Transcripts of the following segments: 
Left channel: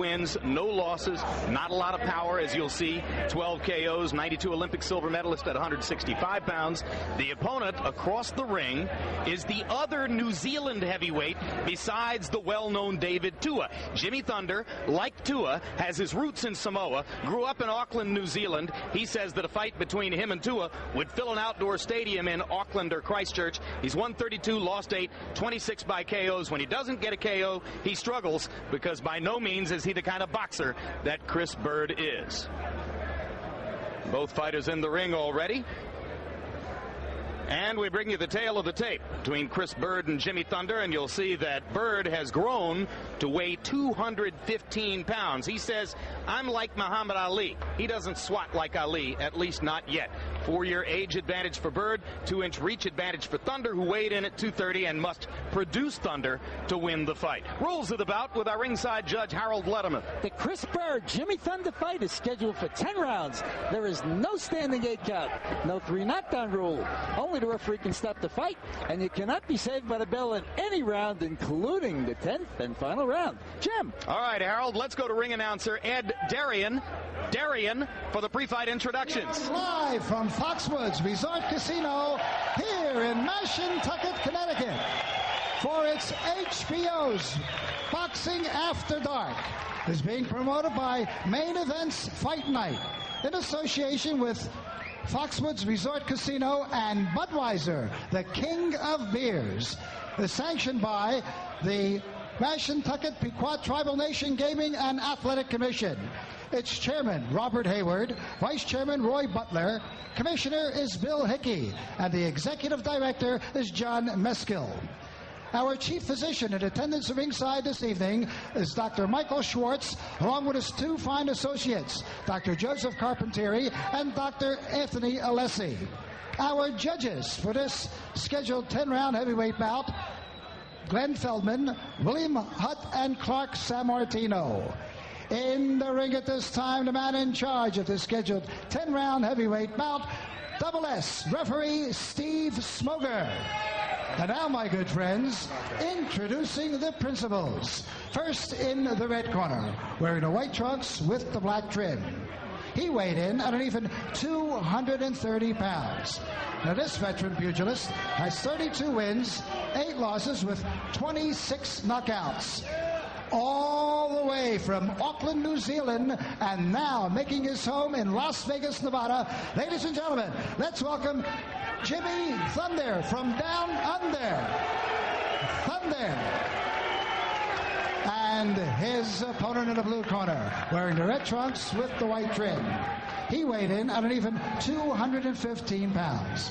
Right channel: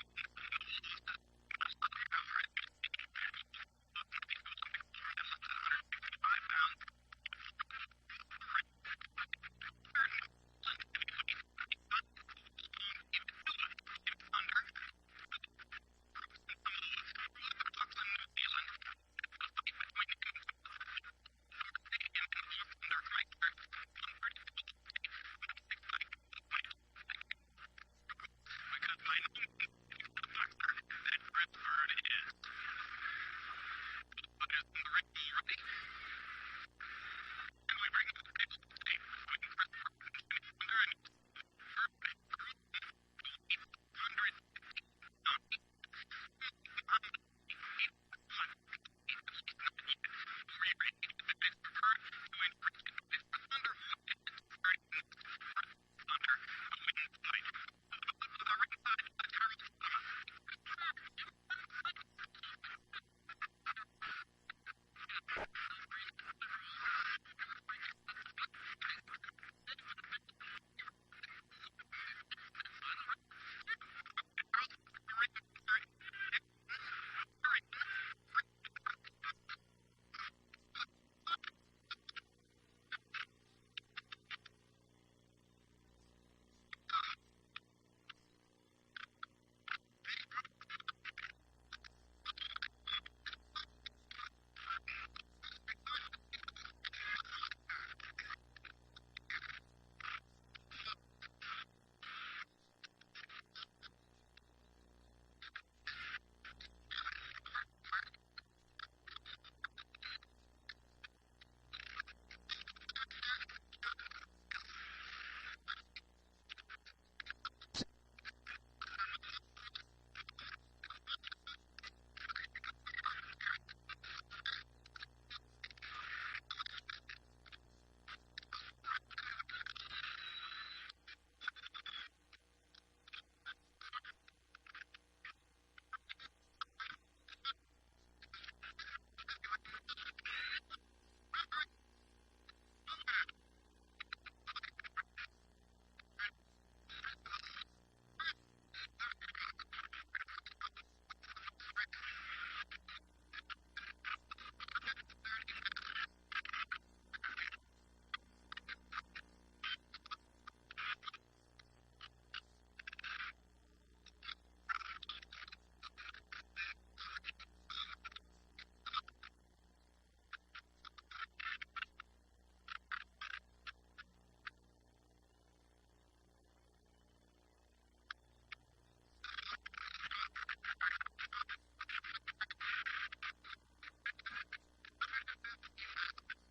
wins, no losses, not a lot of power, as you'll see. 12 KOs, 92 Olympic silver medalist at 165 pounds. The opponent across the ring is the other New Zealand heavyweight besides the well-known David Tua. Jimmy Thunder, like Tua, has his roots in Samoa, grew up in Auckland, New Zealand. He says that a fight between him and Tua would fill an outdoor stadium in Auckland or Christchurch. He's won 32, lost 8, 26 by KOs. When he doesn't get a KO, he struggles, because by no means is he the kind of boxer that Chris Byrd is. Both fighters in the ring already. And we bring you the tale of the tape between Chris Byrd and Jimmy Thunder, and you'll see that Byrd has grown to weigh 215 pounds. He says, I'm like Muhammad Ali. He doesn't swat like Ali, at least not yet. 4-year age advantage for Byrd, 2-inch reach advantage for Thunder, who weighed in at 230 and must produce Thunder to win the fight. Rules of the bout with our ringside judge, Harold Letterman. The Chris Byrd Jimmy Thunder fight is scheduled for 10 rounds. There is no standing 8 count, no 3 knockdown rule. Only the referee can stop the fight, and you cannot be saved by the bell in any round, including the 10th and final round. Jim. All right, Harold, let's go to ring announcer Ed Darian. Darian for the pre-fight introductions. Live from Foxwoods Resort Casino here in Mashantucket, Connecticut, for its HBO's Boxing After Dark, is being promoted by Main Events Fight Night in association with Foxwoods Resort Casino and Budweiser, the king of beers, is sanctioned by the Mashantucket Pequot Tribal Nation Gaming and Athletic Commission. Its chairman, Robert Hayward, vice chairman, Roy Butler, commissioner is Bill Hickey, and the executive director is John Meskill. Our chief physician in attendance at ringside this evening is Dr. Michael Schwartz, along with his 2 fine associates, Dr. Joseph Carpentieri and Dr. Anthony Alessi. Our judges for this scheduled 10-round heavyweight bout, Glenn Feldman, William Hutt, and Clark Sammartino. In the ring at this time, the man in charge of the scheduled 10-round heavyweight bout, Double S, referee Steve Smoger. And now, my good friends, introducing the principals. First in the red corner, wearing the white trunks with the black trim. He weighed in at an even 230 pounds. Now, this veteran pugilist has 32 wins, 8 losses with 26 knockouts. All the way from Auckland, New Zealand, and now making his home in Las Vegas, Nevada. Ladies and gentlemen, let's welcome Jimmy Thunder from down under. Thunder. And his opponent in the blue corner, wearing the red trunks with the white trim. He weighed in at an even 215 pounds.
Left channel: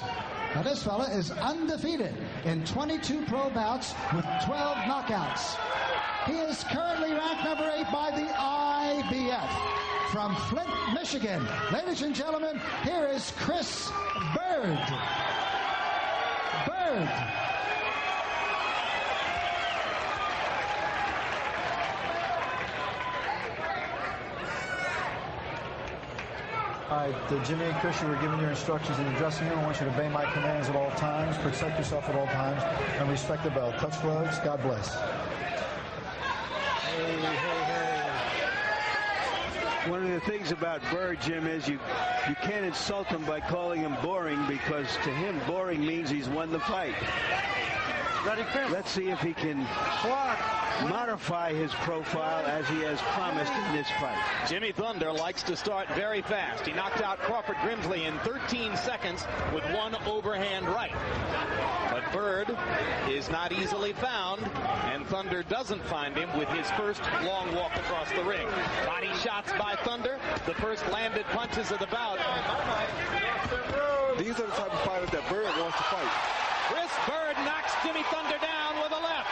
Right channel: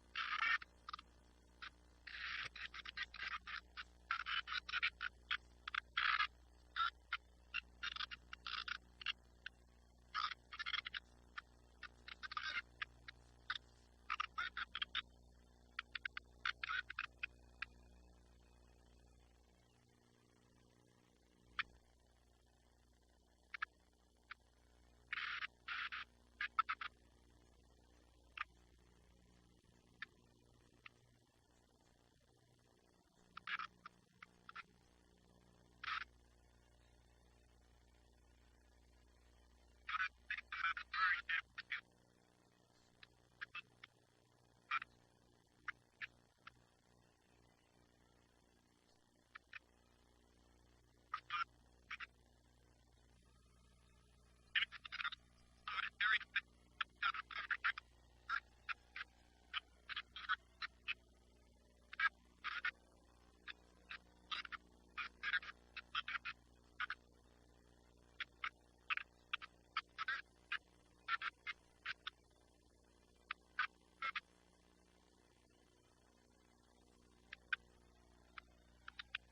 Now, this fella is undefeated in 22 pro bouts with 12 knockouts. He is currently ranked number 8 by the IBF. From Flint, Michigan, ladies and gentlemen, here is Chris Byrd. Byrd. All right, Jimmy and Chris, you were given your instructions in the dressing room. I want you to obey my commands at all times, protect yourself at all times, and respect the bell. Touch gloves. God bless. One of the things about Byrd, Jim, is you can't insult him by calling him boring, because to him boring means he's won the fight. Let's see if he can modify his profile as he has promised in this fight. Jimmy Thunder likes to start very fast. He knocked out Crawford Grimsley in 13 seconds with 1 overhand right. But Byrd is not easily found, and Thunder doesn't find him with his first long walk across the ring. Body shots by Thunder, the first landed punches of the bout. These are the type of fighters that Byrd wants to fight. Chris Byrd knocks Jimmy Thunder down with a left.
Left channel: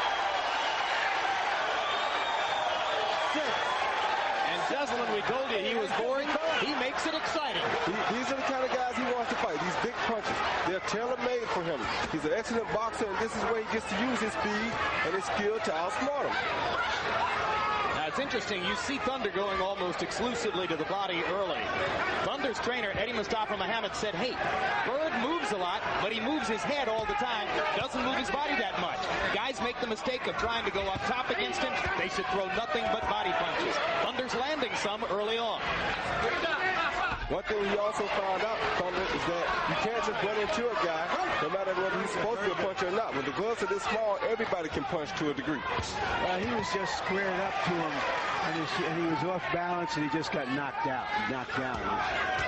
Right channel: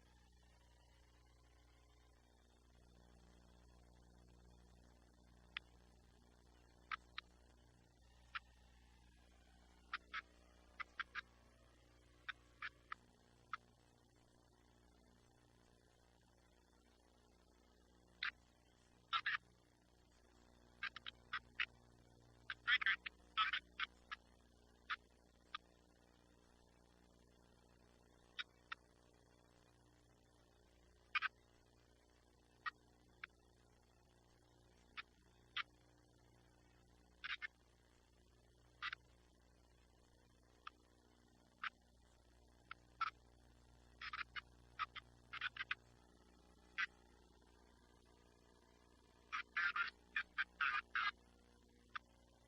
And Jesselyn, we told you he was boring. He makes it exciting. These are the kind of guys he wants to fight. These big punches. They're tailor-made for him. He's an excellent boxer, and this is where he gets to use his speed and his skill to outsmart him. Now, it's interesting. You see Thunder going almost exclusively to the body early. Thunder's trainer, Eddie Mustafa Muhammad, said, hey, Byrd moves a lot, but he moves his head all the time. Doesn't move his body that much. Guys make the mistake of trying to go up top against him. They should throw nothing but body punches. Thunder some early on. One thing he also found out, Thunder, is that you can't just run into a guy, no matter whether he's supposed to be a puncher or not. When the gloves are this small, everybody can punch to a degree. He was just squared up to him, and he was off balance, and he just got knocked down.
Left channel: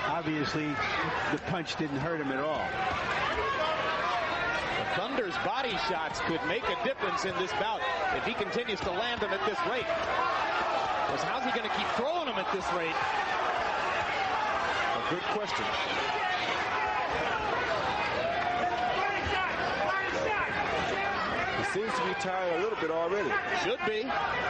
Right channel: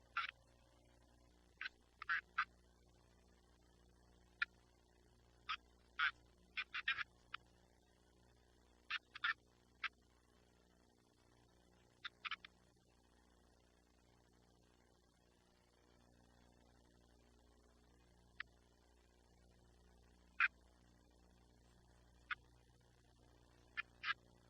Obviously, the punch didn't hurt him at all. Thunder's body shots could make a difference in this bout if he continues to land them at this rate. Because how's he going to keep throwing them at this rate? A good question. He seems to be tired a little bit already. Should be.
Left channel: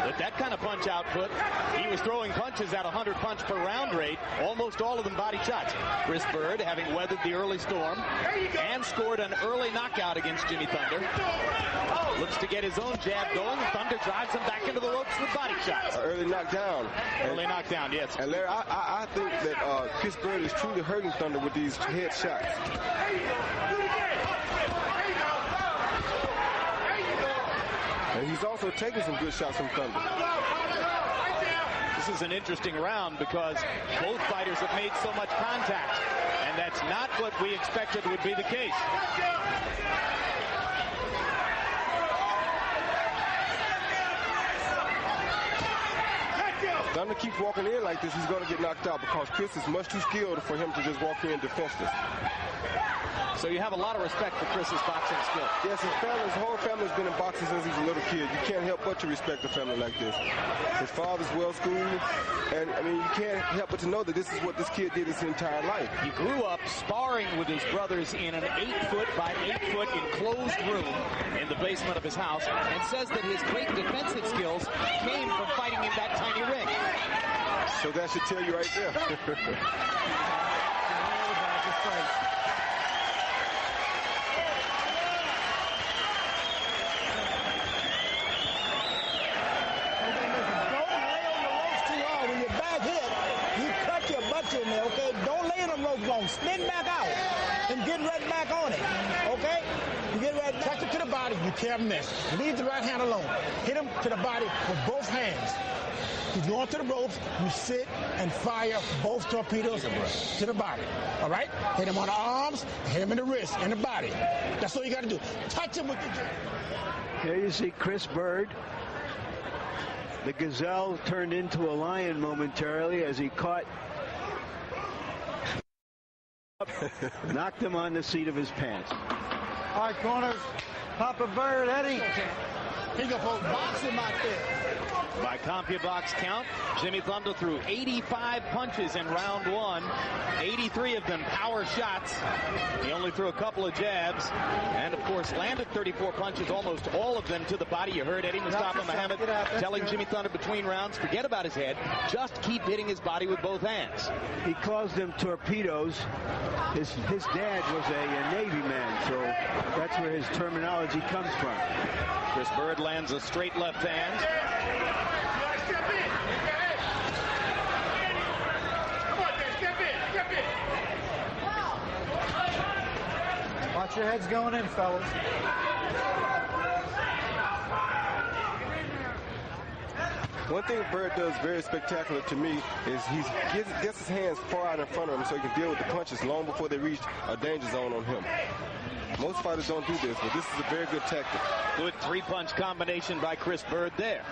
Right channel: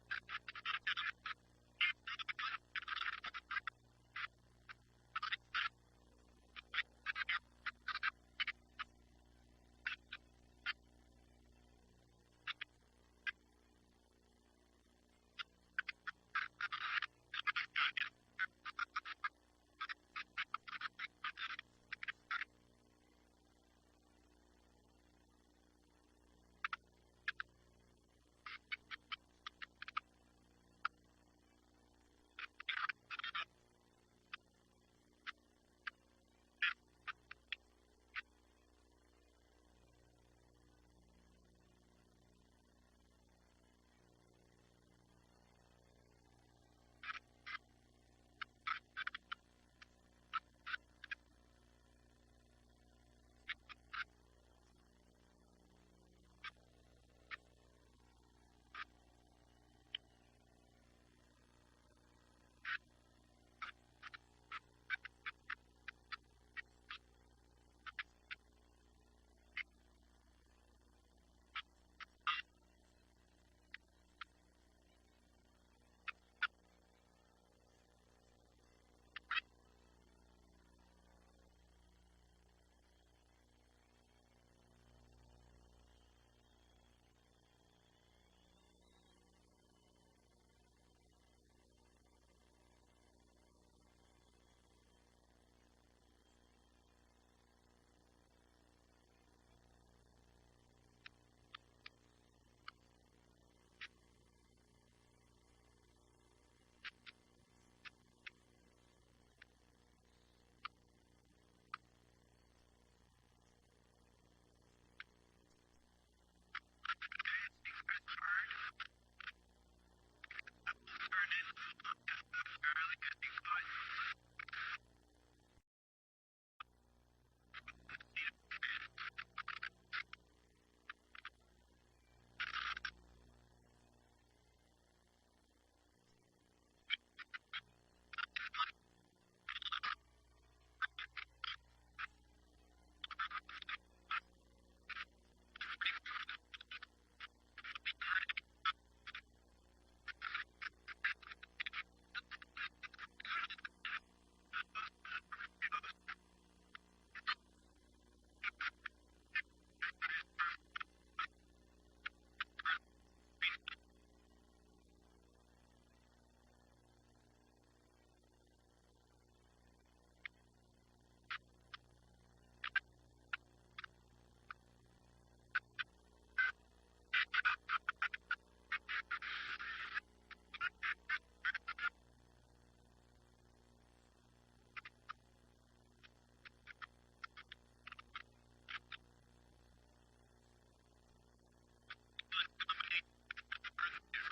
With that kind of punch output, he was throwing punches at 100 punch per round rate, almost all of them body shots. Chris Byrd, having weathered the early storm and scored an early knockout against Jimmy Thunder, looks to get his own jab going. Thunder drives him back into the ropes with body shots. Early knockdown. Early knockdown, yes. And Larry, I think that Chris Byrd is truly hurting Thunder with these head shots. And he's also taking some good shots from Thunder. This is an interesting round because both fighters have made so much contact, and that's not what we expected would be the case. Thunder keeps walking in like this, he's going to get knocked out because Chris is much too skilled for him to just walk in defenseless. So you have a lot of respect for Chris's boxing skill. Yes, his whole family's been in boxing since he's a little kid. You can't help but to respect a family like this. His father's well schooled, and I mean, you can't help but to know that this is what this kid did his entire life. He grew up sparring with his brothers in an 8-foot by 8-foot enclosed room in the basement of his house, and says that his great defensive skills came from fighting in that tiny ring. So that should tell you right there. Okay, don't lay in them ropes long. Spin back out and get right back on it. Okay? You get right back. Touch it to the body. You can't miss. Leave the right hand alone. Hit him to the body with both hands. You go onto the ropes, you sit and fire both torpedoes to the body. All right? Hit him on the arms, hit him in the wrist, and the body. That's all you got to do. Touch him with the jab. Here you see Chris Byrd. The gazelle turned into a lion momentarily as he caught, knocked him on the seat of his pants. All right, corners. Papa Byrd, Eddie. He got both box him out there. By CompuBox count, Jimmy Thunder threw 85 punches in round one, 83 of them power shots. He only threw a couple of jabs, and of course landed 34 punches, almost all of them to the body. You heard Eddie Mustafa Muhammad telling Jimmy Thunder between rounds, forget about his head, just keep hitting his body with both hands. He calls them torpedoes. His dad was a Navy man, so that's where his terminology comes from. Chris Byrd lands a straight left hand. Watch your heads going in, fellas. One thing Byrd does very spectacular to me is he gets his hands far out in front of him so he can deal with the punches long before they reach a danger zone on him. Most fighters don't do this, but this is a very good tactic. Good three-punch combination by Chris Byrd there.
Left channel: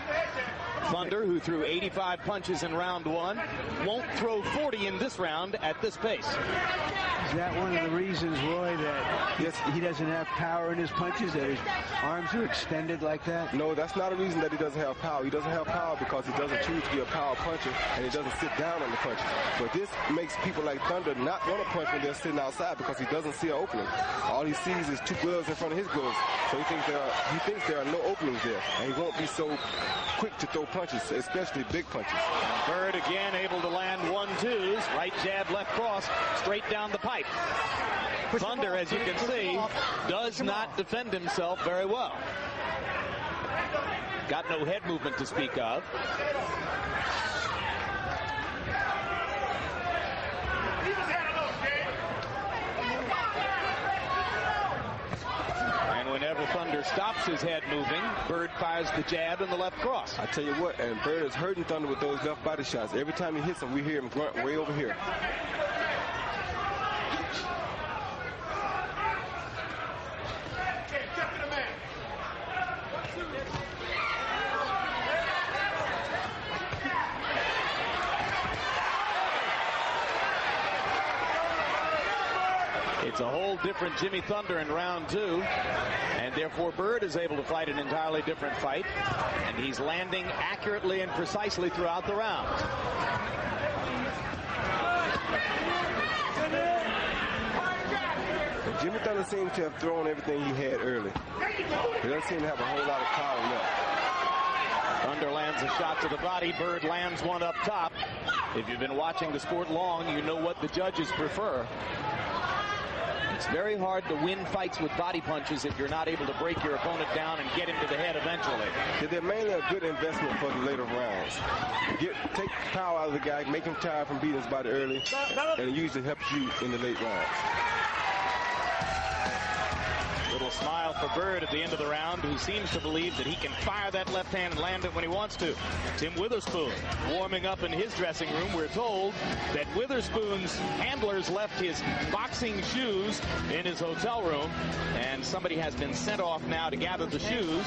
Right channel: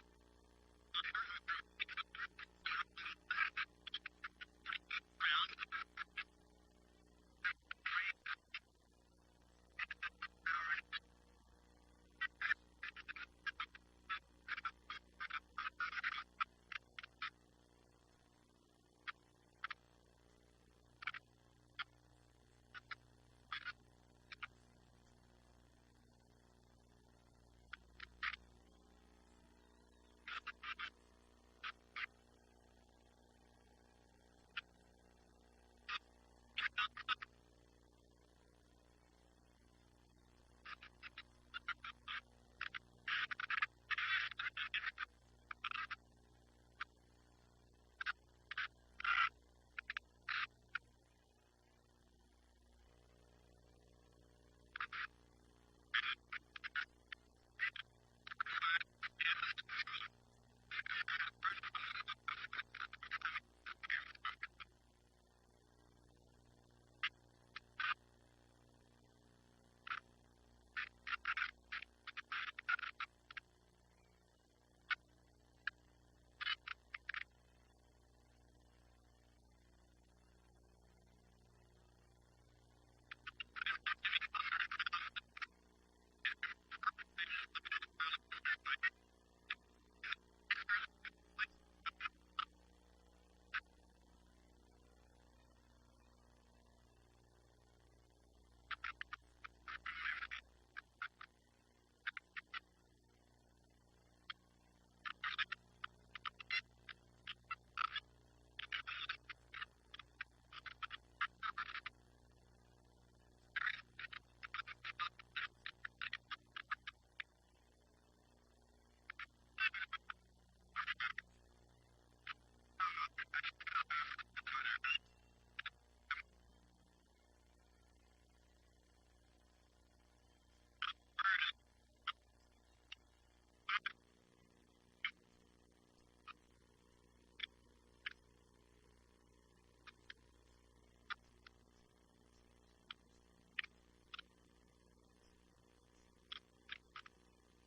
Thunder, who threw 85 punches in round one, won't throw 40 in this round at this pace. Is that one of the reasons, Roy, that he doesn't have power in his punches, that his arms are extended like that? No, that's not a reason that he doesn't have power. He doesn't have power because he doesn't choose to be a power puncher, and he doesn't sit down on the punches. But this makes people like Thunder not want to punch when they're sitting outside because he doesn't see an opening. All he sees is two gloves in front of his gloves, so he thinks there are no openings there, and he won't be so quick to throw punches, especially big punches. Byrd again able to land 1-2s, right jab, left cross, straight down the pipe. Thunder, as you can see, does not defend himself very well. Got no head movement to speak of. And whenever Thunder stops his head moving. Byrd fires the jab and the left cross. I tell you what, and Byrd is hurting Thunder with those left body shots. Every time he hits him, we hear him grunt way over here. It's a whole different Jimmy Thunder in round 2, and therefore Byrd is able to fight an entirely different fight, and he's landing accurately and precisely throughout the round. But Jimmy Thunder seems to have thrown everything he had early. He doesn't seem to have a whole lot of power left. Thunder lands a shot to the body. Byrd lands one up top. If you've been watching the sport long, you know what the judges prefer. It's very hard to win fights with body punches if you're not able to break your opponent down and get him to the head eventually. They're mainly a good investment for the later rounds. Take power out of the guy, make him tired from beating his body early, and it usually helps you in the late rounds. Little smile for Byrd at the end of the round, who seems to believe that he can fire that left hand and land it when he wants to. Tim Witherspoon warming up in his dressing room. We're told that Witherspoon's handlers left his boxing shoes in his hotel room, and somebody has been sent off now to gather the shoes.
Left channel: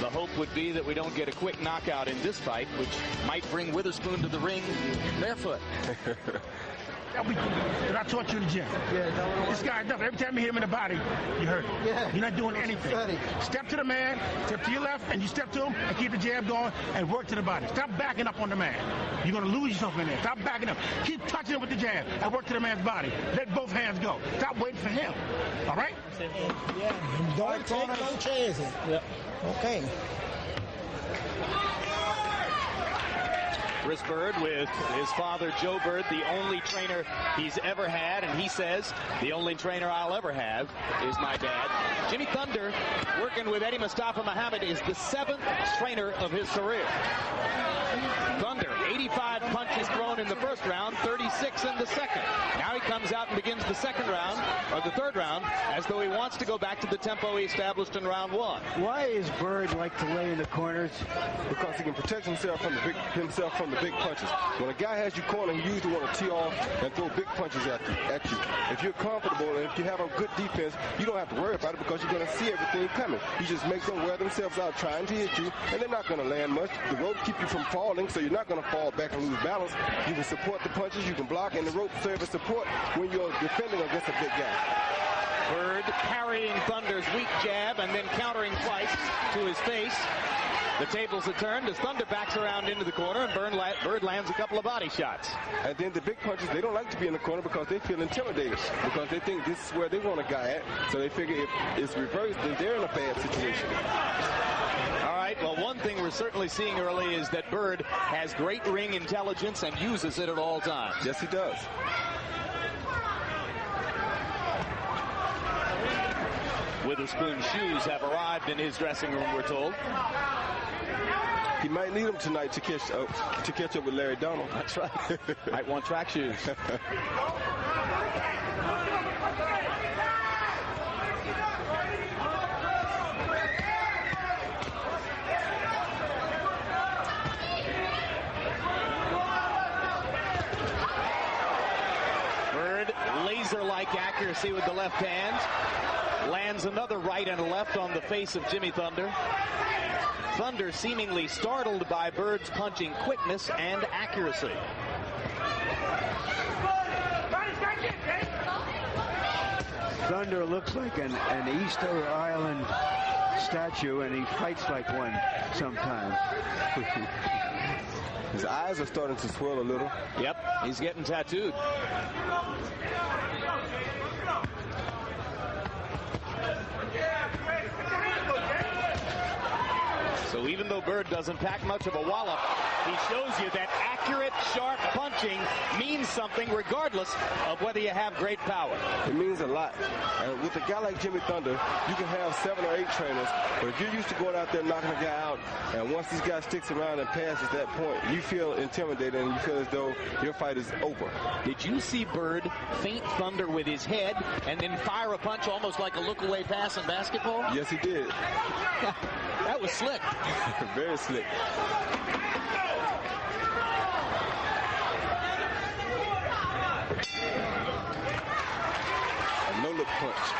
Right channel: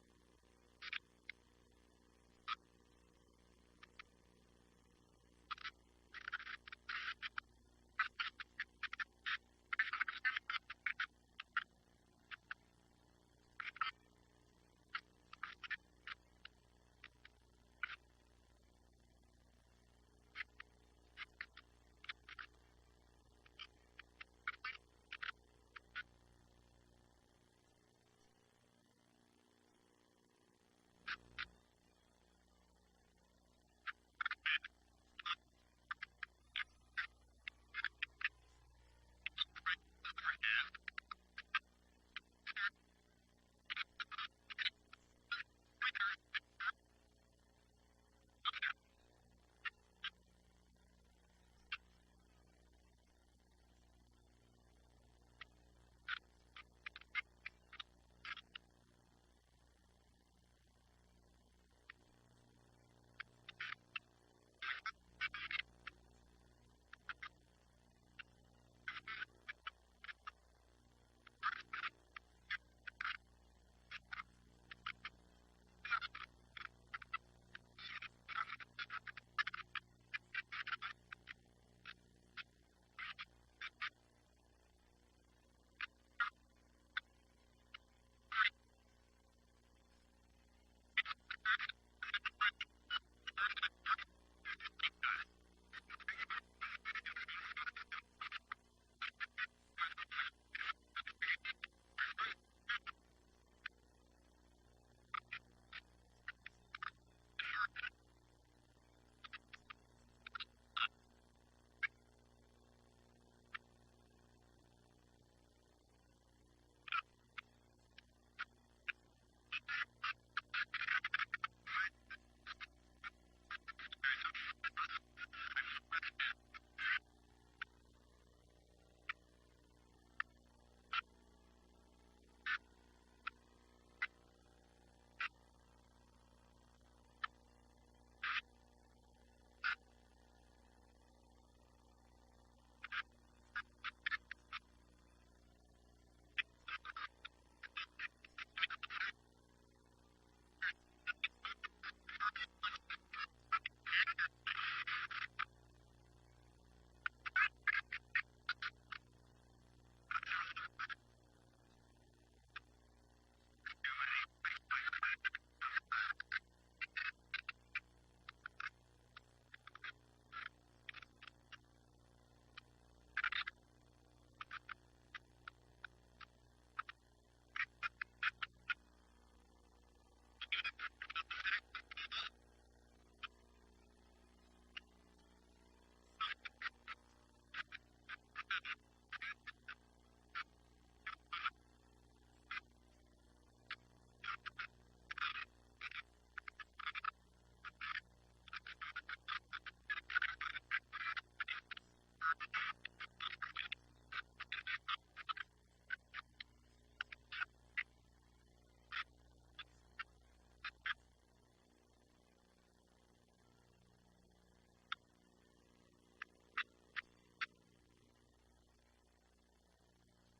The hope would be that we don't get a quick knockout in this fight, which might bring Witherspoon to the ring barefoot. I taught you in the gym. Yeah, this guy does. Every time you hit him in the body, you hurt him. Yeah. You're not doing anything. Step to the man, step to your left, and you step to him and keep the jab going and work to the body. Stop backing up on the man. You're going to lose yourself in there. Stop backing up. Keep touching him with the jab and work to the man's body. Let both hands go. Stop waiting for him. All right? Yeah. Don't take no chances. Yep. Okay. Chris Byrd with his father, Joe Byrd, the only trainer he's ever had, and he says, the only trainer I'll ever have is my dad. Jimmy Thunder, working with Eddie Mustafa Muhammad, is the 7th trainer of his career. Thunder, 85 punches thrown in the first round, 36 in the second. Now he comes out and begins the second round, or the third round, as though he wants to go back to the tempo he established in round 1. Why is Byrd like to lay in the corners? Because he can protect himself from the big punches. When a guy has you cornered, he usually want to tee off and throw big punches at you. If you're comfortable and if you have a good defense, you don't have to worry about it because you're going to see everything coming. You just make them wear themselves out trying to hit you, and they're not going to land much. The rope keep you from falling, so you're not going to fall back and lose balance. You can support the punches, you can block, and the rope serves as support when you're defending against a big guy. Byrd parrying Thunder's weak jab and then countering twice to his face. The tables are turned as Thunder backs around into the corner, and Byrd lands a couple of body shots. And then the big punches, they don't like to be in the corner because they feel intimidated, because they think this is where they want a guy at. So they figure if it's reversed, then they're in a bad situation. All right, well, one thing we're certainly seeing early is that Byrd has great ring intelligence and uses it at all times. Yes, he does. Witherspoon's shoes have arrived in his dressing room, we're told. He might need them tonight to catch up with Larry Donald. That's right. Might want track shoes. Byrd, laser-like accuracy with the left hand. Lands another right and a left on the face of Jimmy Thunder. Thunder seemingly startled by Byrd's punching quickness and accuracy. Thunder looks like an Easter Island statue, and he fights like one sometimes. His eyes are starting to swell a little. Yep, he's getting tattooed. So even though Byrd doesn't pack much of a wallop, he shows you that accurate, sharp punching means something regardless of whether you have great power. It means a lot. And with a guy like Jimmy Thunder, you can have 7 or 8 trainers, but if you're used to going out there knocking a guy out, and once this guy sticks around and passes that point, you feel intimidated and you feel as though your fight is over. Did you see Byrd feint Thunder with his head and then fire a punch almost like a look-away pass in basketball? Yes, he did. That was slick. Very slick. A no-look punch.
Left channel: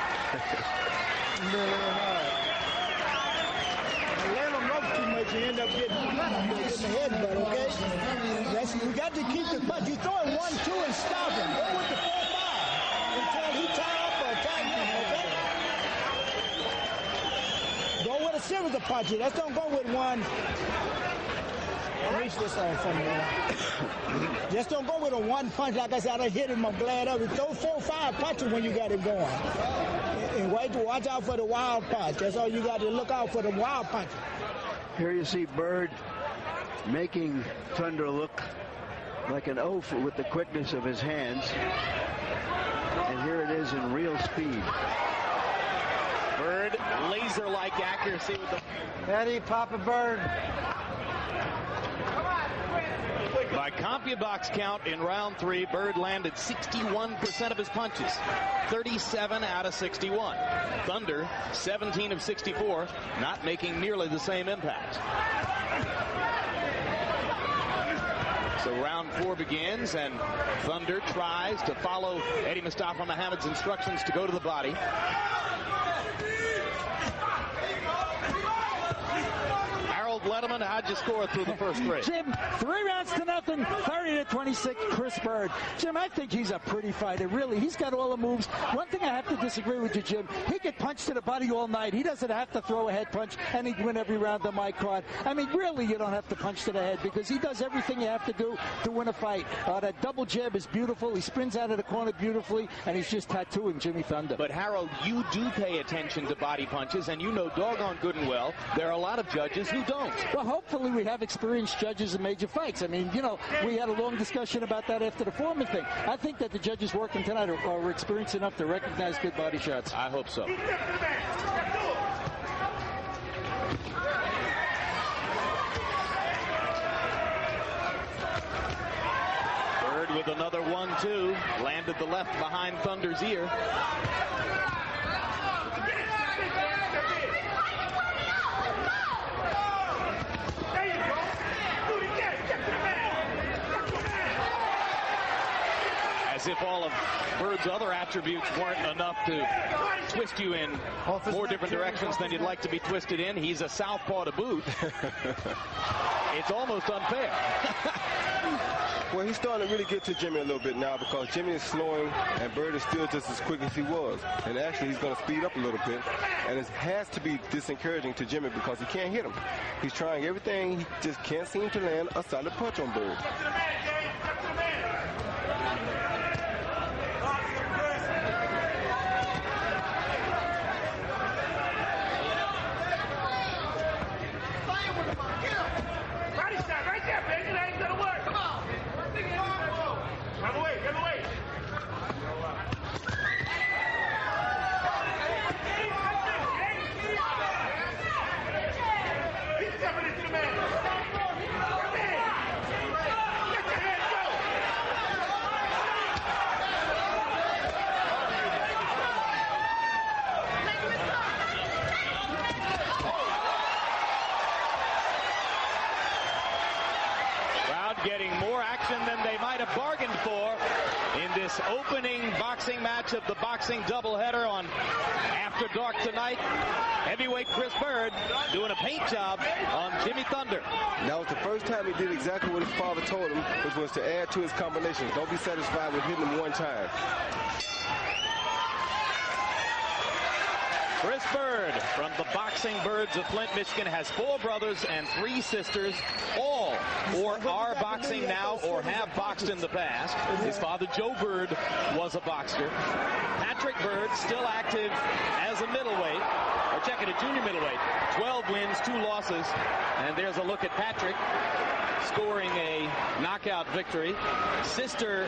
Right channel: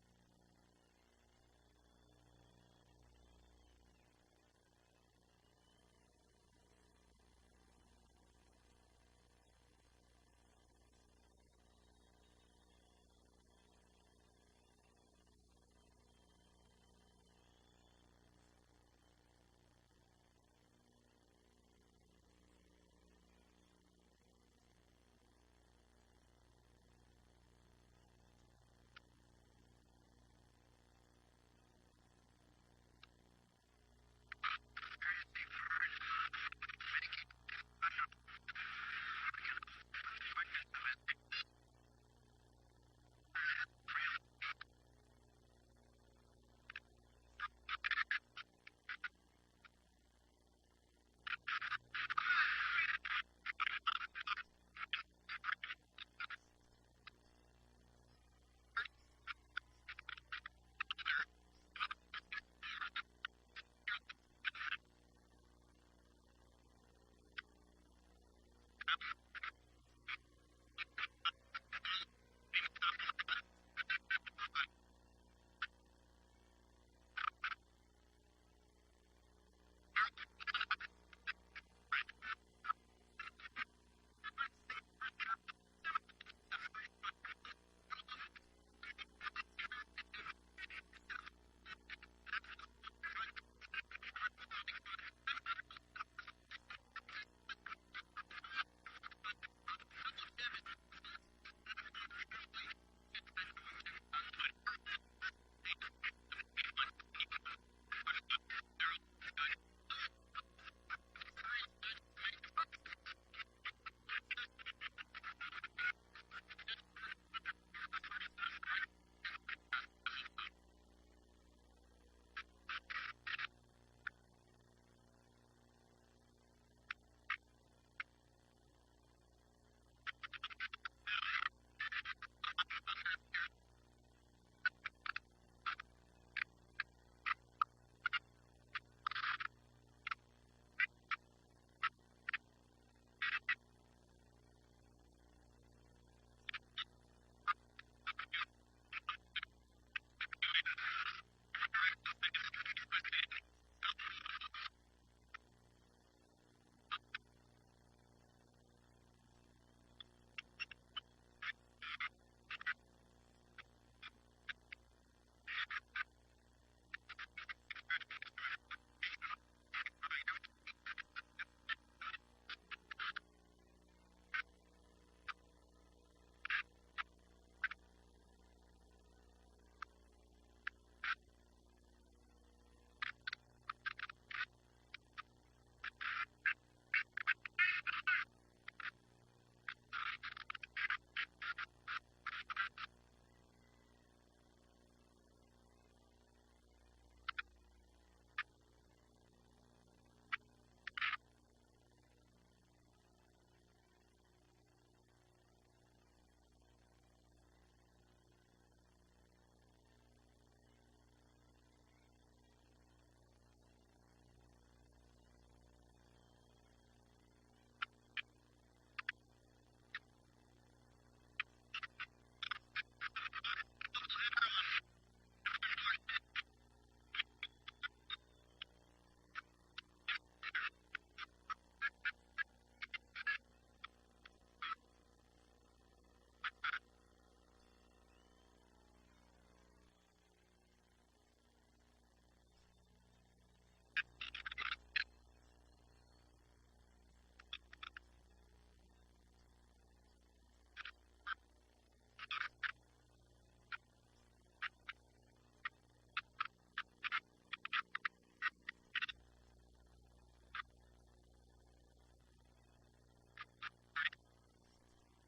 Let him rope too much, you end up getting the head, but okay? You got to keep the punch. You throw it 1-2 and stop him. Go with the 4-5 until he tie up or tie in, okay? Go with a series of punches. Let's don't go with one. Reach this side from me. Just don't go with a one punch. Like I said, I hit him. I'm glad of it. Throw 4-5 punches when you got him going. And watch out for the wild punch. That's all you got to look out for, the wild punch. Here you see Byrd making Thunder look like an oaf with the quickness of his hands. And here it is in real speed. Byrd, laser-like accuracy with the... Eddie, Papa Byrd. By CompuBox count in round 3, Byrd landed 61% of his punches, 37 out of 61. Thunder, 17 of 64, not making nearly the same impact. So round 4 begins, and Thunder tries to follow Eddie Mustafa Muhammad's instructions to go to the body. Letterman, how'd you score through the first 3? Jim, 3 rounds to nothing, 30-26, Chris Byrd. Jim, I think he's a pretty fighter, really. He's got all the moves. One thing I have to disagree with you, Jim, he get punched to the body all night. He doesn't have to throw a head punch, and he'd win every round on my card. I mean, really, you don't have to punch to the head because he does everything you have to do to win a fight. That double jab is beautiful. He spins out of the corner beautifully, and he's just tattooing Jimmy Thunder. But, Harold, you do pay attention to body punches, and you know doggone good and well there are a lot of judges who don't. Well, hopefully we have experienced judges in major fights. I mean, you know, we had a long discussion about that after the Foreman thing. I think that the judges working tonight are experienced enough to recognize good body shots. I hope so. Byrd with another 1-2. Landed the left behind Thunder's ear. As if all of Byrd's other attributes weren't enough to twist you in more different directions than you'd like to be twisted in. He's a southpaw to boot. It's almost unfair. Well, he's starting to really get to Jimmy a little bit now because Jimmy is slowing and Byrd is still just as quick as he was. And actually, he's going to speed up a little bit. And it has to be disencouraging to Jimmy because he can't hit him. He's trying everything. He just can't seem to land a solid punch on Byrd. Getting more action than they might have bargained for in this opening boxing match of the boxing doubleheader on After Dark tonight. Heavyweight Chris Byrd doing a paint job on Jimmy Thunder. That was the first time he did exactly what his father told him, which was to add to his combinations. Don't be satisfied with hitting him one time. Chris Byrd from the Boxing Birds of Flint, Michigan, has 4 brothers and 3 sisters, all or are boxing now or have boxed in the past. His father, Joe Byrd, was a boxer. Patrick Byrd, still active as a middleweight, or check it, a junior middleweight. 12 wins, 2 losses. And there's a look at Patrick scoring a knockout victory. Sister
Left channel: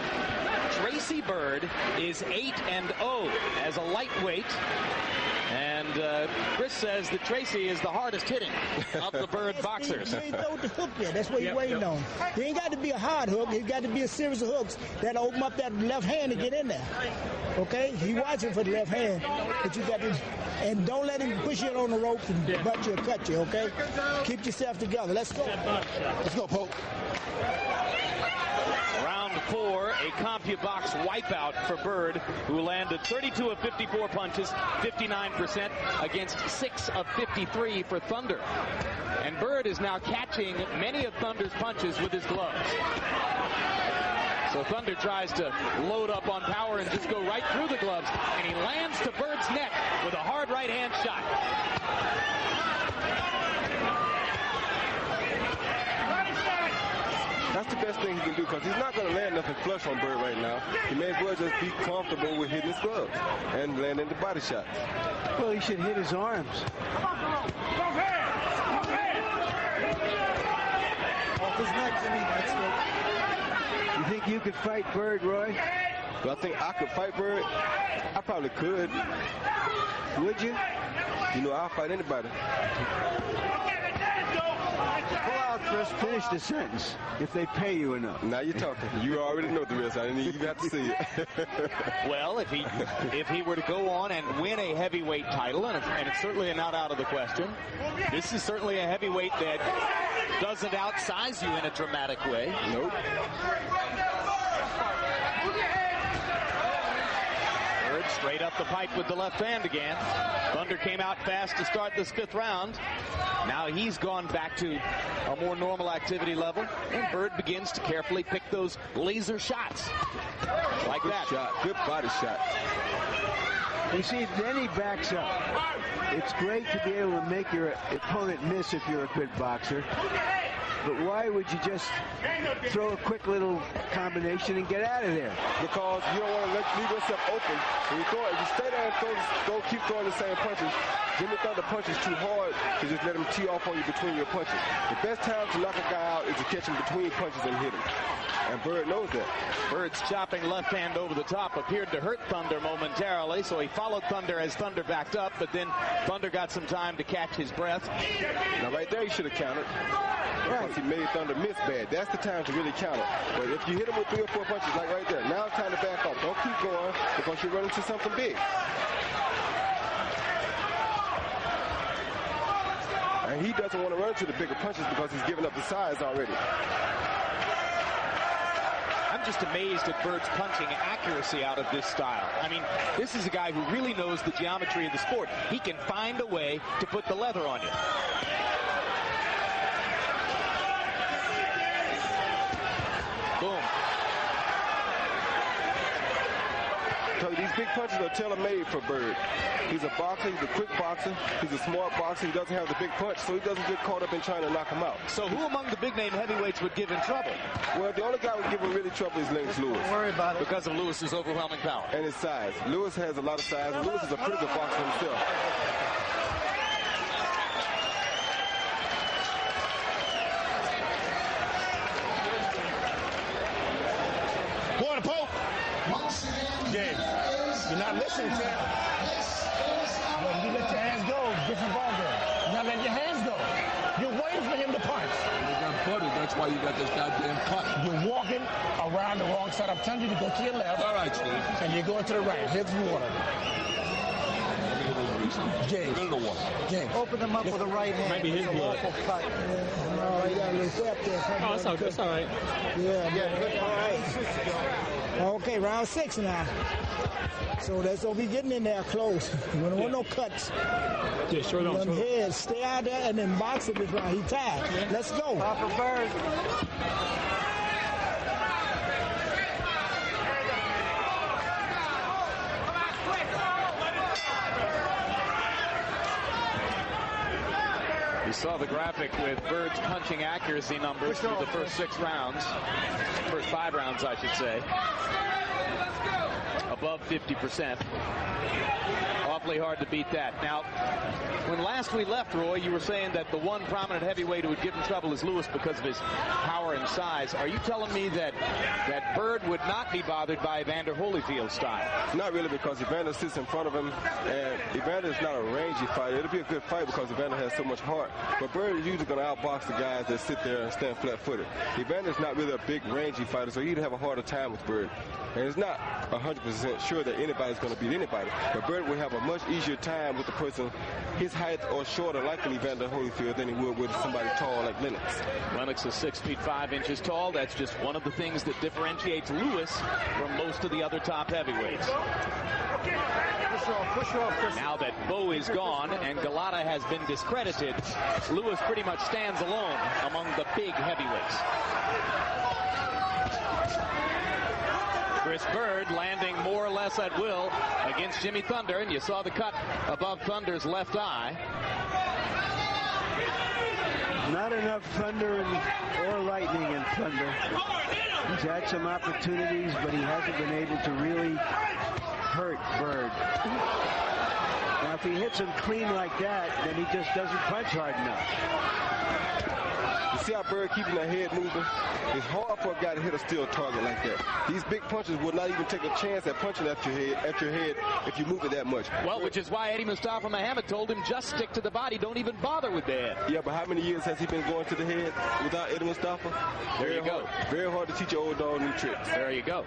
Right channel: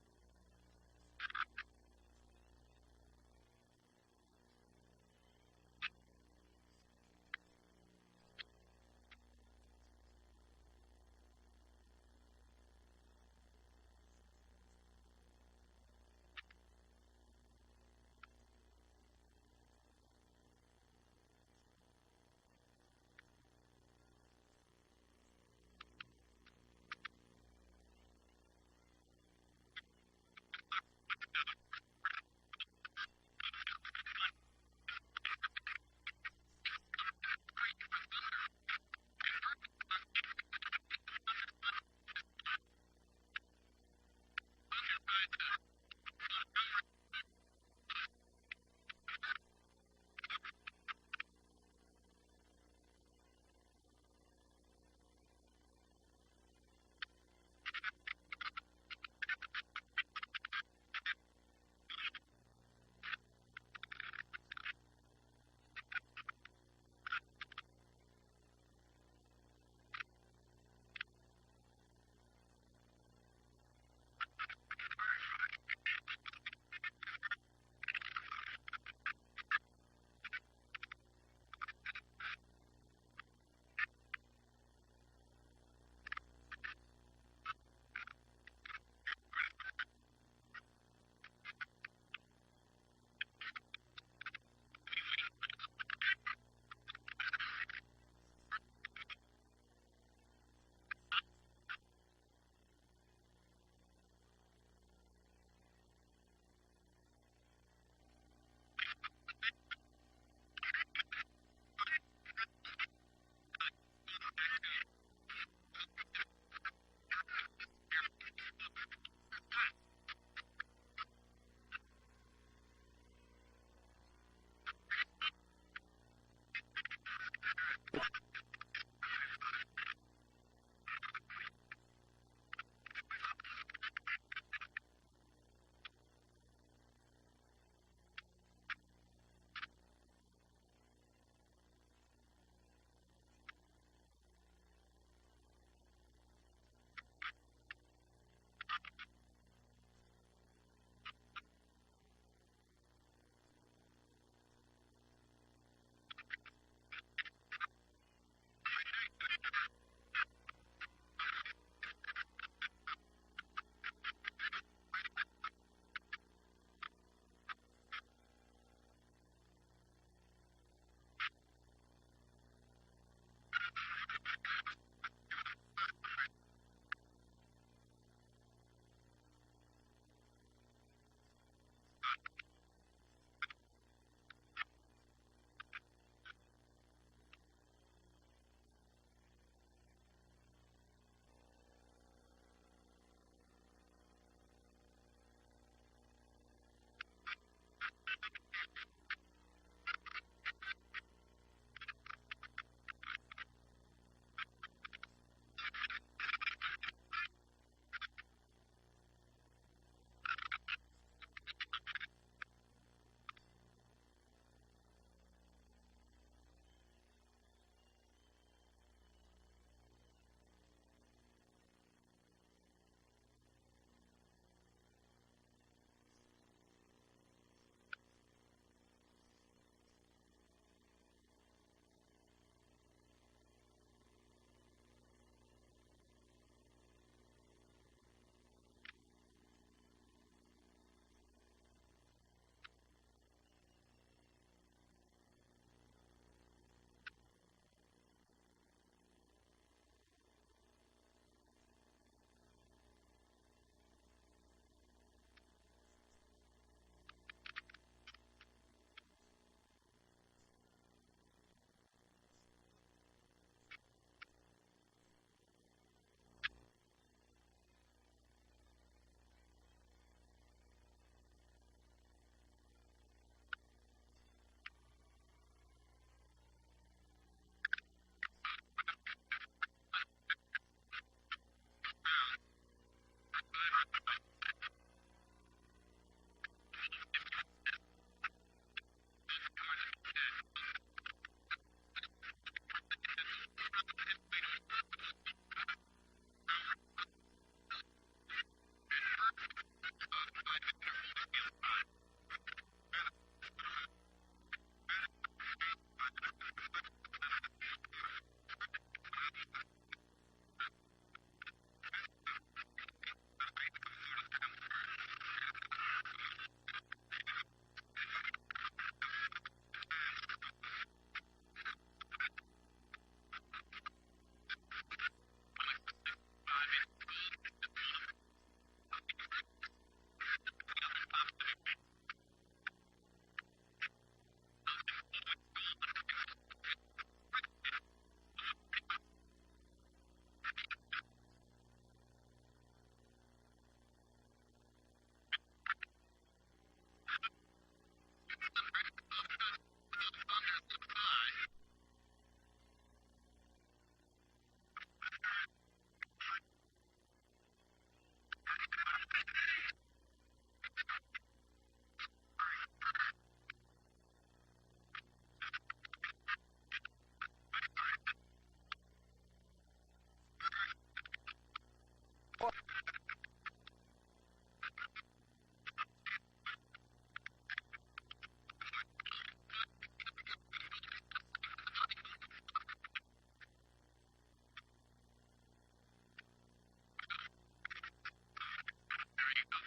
Tracy Byrd is 8-0 as a lightweight. And Chris says that Tracy is the hardest hitting of the Byrd boxers. You ain't throw the hook yet. That's what you're waiting on. It ain't got to be a hard hook. It's got to be a series of hooks that'll open up that left hand to get in there. Okay? He watching for the left hand, but you got to, and don't let him push you on the ropes and butt you or cut you, okay? Keep yourself together. Let's go. Let's go, Pope. Round 4, a CompuBox wipeout for Byrd, who landed 32 of 54 punches, 59% against 6 of 53 for Thunder. And Byrd is now catching many of Thunder's punches with his gloves. So Thunder tries to load up on power and just go right through the gloves, and he lands to Byrd's neck with a hard right hand shot. That's the best thing he can do, because he's not going to land nothing flush on Byrd right now. He may as well just be comfortable with hitting his gloves and landing the body shots. Well, he should hit his arms. Off his neck, Jimmy. That's good. You think you could fight Byrd, Roy? Do I think I could fight Byrd? I probably could. Would you? You know, I'll fight anybody. Pull out, Chris. Finish the sentence. If they pay you enough. Now you're talking. You already know the rest. I didn't even have to see it. Well, if he were to go on and win a heavyweight title, and it's certainly not out of the question, this is certainly a heavyweight that doesn't outsize you in a dramatic way. Nope. Byrd straight up the pipe with the left hand again. Thunder came out fast to start this 5th round. Now he's gone back to a more normal activity level, and Byrd begins to carefully pick those laser shots. Like Good that. shot. Good body shot. You see, then he backs up. It's great to be able to make your opponent miss if you're a good boxer. But why would you just throw a quick little combination and get out of there? Because you don't want to leave yourself open. When you throw it, if you stay there and keep throwing the same punches, Jimmy Thunder punches too hard to just let him tee off on you between your punches. The best time to knock a guy out is to catch him between punches and hit him. And Byrd knows that. Byrd's chopping left hand over the top appeared to hurt Thunder momentarily, so he followed Thunder as Thunder backed up, but then Thunder got some time to catch his breath. Now right there he should have countered. Because he made Thunder miss bad. That's the time to really counter. But if you hit him with 3 or 4 punches like right there, now it's time to back off. Don't keep going because you're running to something big. And he doesn't want to run to the bigger punches because he's giving up the size already. I'm just amazed at Byrd's punching accuracy out of this style. I mean, this is a guy who really knows the geometry of the sport. He can find a way to put the leather on you. Boom. So these big punches are tailor-made for Byrd. He's a boxer, he's a quick boxer, he's a smart boxer, he doesn't have the big punch, so he doesn't get caught up in trying to knock him out. So who among the big-name heavyweights would give him trouble? Well, the only guy who would give him really trouble is Lennox Lewis. Don't worry about it. Because of Lewis's overwhelming power. And his size. Lewis has a lot of size, and Lewis is a pretty good boxer himself. Quarter Pope. James, you're not listening to him. When you let your hands go, different ball game. You're not letting your hands go. You're waiting for him to punch. That's why you got this goddamn cut. You're walking around the wrong side. I'm telling you to go to your left. All right, Steve. And you're going to the right. Here's the water. James. Get in the water. James. Open him up with a right hand. Maybe his It's a blood. lawful cut. No, you got a little flap there. Oh, it's all good. It's all right. Yeah, good. All right. Okay, round 6 now. So that's what we getting in there close. You don't want no cuts. Yeah, sure don't. Them heads, stay out there and then box it this round. He tied. Yeah. Let's go. Papa Byrd. You saw the graphic with Byrd's punching accuracy numbers through the first 6 rounds. First 5 rounds, I should say. Above 50%. Awfully hard to beat that. Now, when last we left, Roy, you were saying that the one prominent heavyweight who would give him trouble is Lewis because of his power and size. Are you telling me that Byrd would not be bothered by Evander Holyfield's style? Not really, because Evander sits in front of him, and Evander is not a rangy fighter. It'll be a good fight because Evander has so much heart. But Byrd is usually going to outbox the guys that sit there and stand flat-footed. Evander is not really a big rangy fighter, so he'd have a harder time with Byrd. And it's not 100% sure that anybody's going to beat anybody. But Byrd would have a much easier time with the person his height or shorter, like an Evander Holyfield, than he would with somebody tall like Lennox. Lennox is 6 feet 5 inches tall. That's just one of the things that differentiates Lewis from most of the other top heavyweights. Now that Bo is gone and Galata has been discredited, Lewis pretty much stands alone among the big heavyweights. Chris Byrd landing more or less at will against Jimmy Thunder, and you saw the cut above Thunder's left eye. Not enough thunder or lightning in Thunder. He's had some opportunities, but he hasn't been able to really hurt Byrd. Now, if he hits him clean like that, then he just doesn't punch hard enough. You see how Byrd keeping that head moving? It's hard for a guy to hit a steel target like that. These big punches will not even take a chance at punching at your head if you move it that much. Well, which is why Eddie Mustafa Muhammad told him just stick to the body, don't even bother with the head. Yeah, but how many years has he been going to the head without Eddie Mustafa? There you go. Very hard to teach your old dog new tricks. There you go.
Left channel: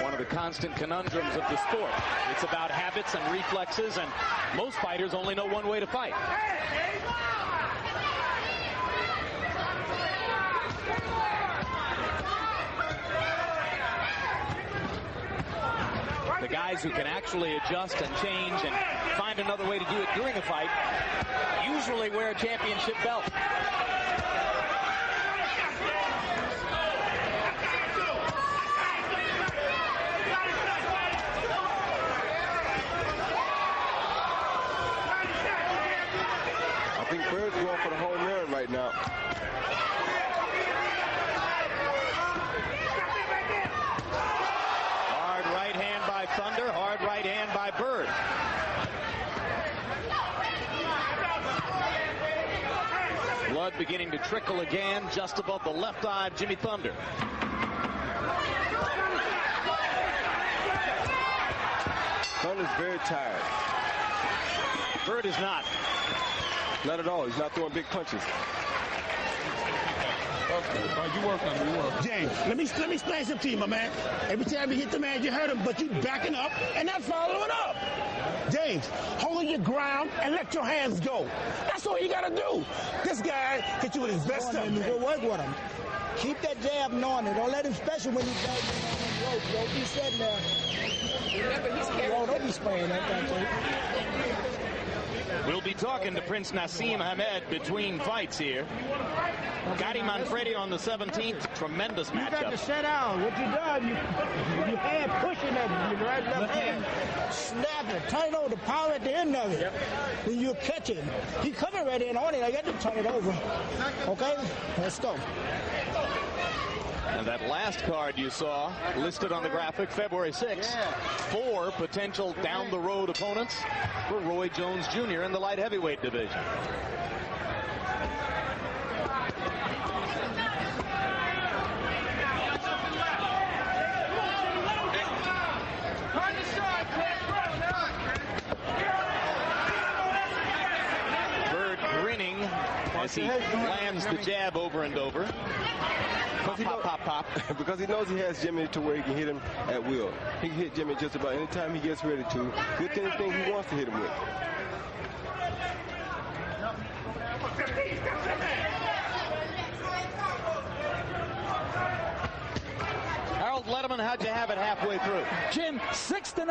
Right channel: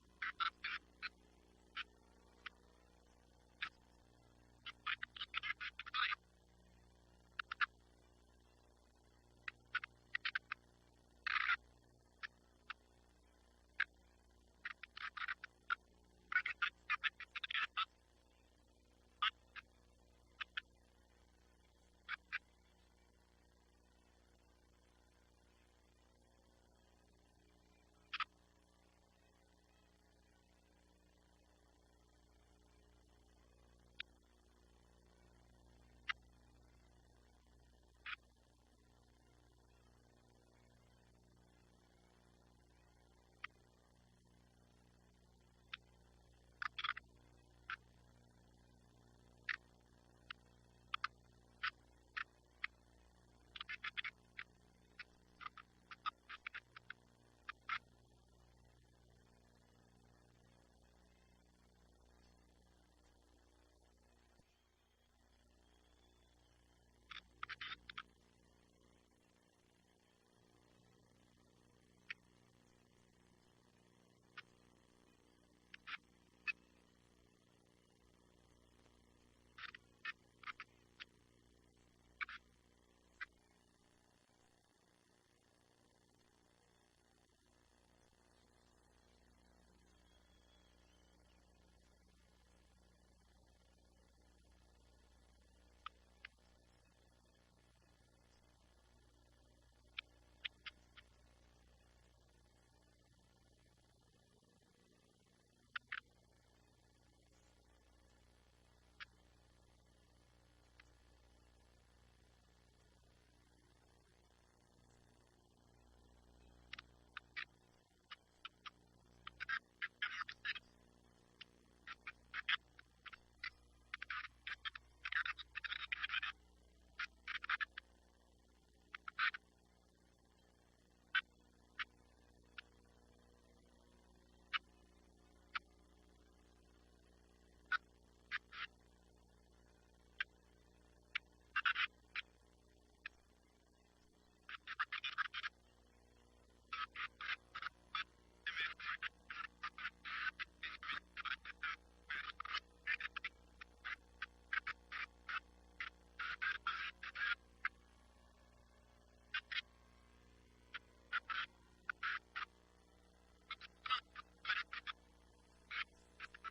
One of the constant conundrums of the sport. It's about habits and reflexes, and most fighters only know one way to fight. The guys who can actually adjust and change and find another way to do it during a fight usually wear a championship belt. I think Byrd's going for the home run right now. Hard right hand by Thunder, hard right hand by Byrd. Blood beginning to trickle again just above the left eye of Jimmy Thunder. Thunder's very tired. Byrd is not. Not at all. He's not throwing big punches. You work on it. You work. James, let me explain something to you, my man. Every time you hit the man, you hurt him, but you backing up and not following up. James, hold your ground and let your hands go. That's all you gotta do. This guy hit you with his best stuff. Go work with him. Keep that jab on it. Don't let him, especially when he's down on the rope. Don't be sitting there. Remember, he's carrying. Don't be spraying that thing. We'll be talking to Prince Nassim Hamed between fights here. Gotti Manfredi on the 17th. Tremendous matchup. You got to sit down. What you done, you hand pushing that your right left hand. Snap it. Turn it over. The power at the end of it. Then you catch it. He coming right in on it. I got to turn it over. Okay? Let's go. And that last card you saw listed on the graphic, February 6th, 4 potential down-the-road opponents for Roy Jones Jr. in the light heavyweight division. Byrd grinning as he lands the jab over and over. Pop. Because he knows he has Jimmy to where he can hit him at will. He can hit Jimmy just about any time he gets ready to, with anything he wants to hit him with. Harold Letterman, how'd to have it halfway through. Jim, 6-0,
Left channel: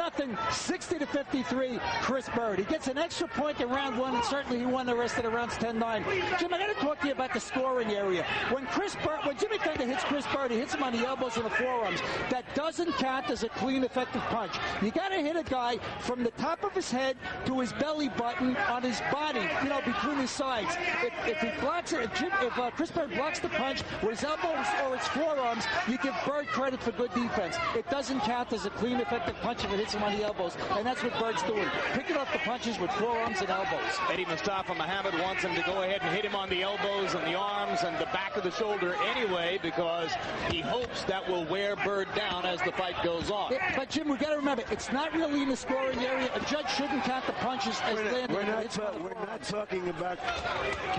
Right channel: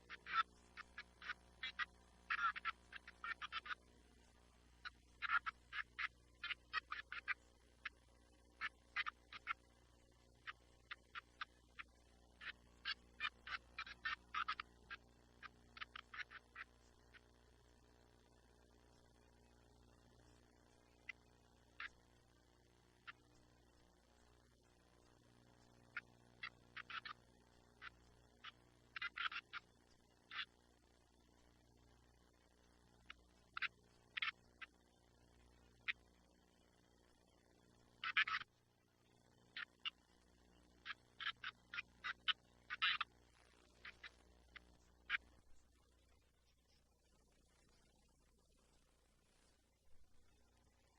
60-53, Chris Byrd. He gets an extra point in round one, and certainly he won the rest of the rounds 10-9. Jim, I got to talk to you about the scoring area. When Jimmy Thunder hits Chris Byrd, he hits him on the elbows and the forearms. That doesn't count as a clean, effective punch. You got to hit a guy from the top of his head to his belly button on his body, between his sides. If he blocks it, if Chris Byrd blocks the punch with his elbows or his forearms, you give Byrd credit for good defense. It doesn't count as a clean, effective punch if it hits him on the elbows, and that's what Bird's doing. Picking up the punches with forearms and elbows. Eddie Mustafa Muhammad wants him to go ahead and hit him on the elbows and the arms and the back of the shoulder anyway, because he hopes that will wear Byrd down as the fight goes on. But Jim, we got to remember, it's not really in the scoring area. A judge shouldn't count the punches as landing. We're not talking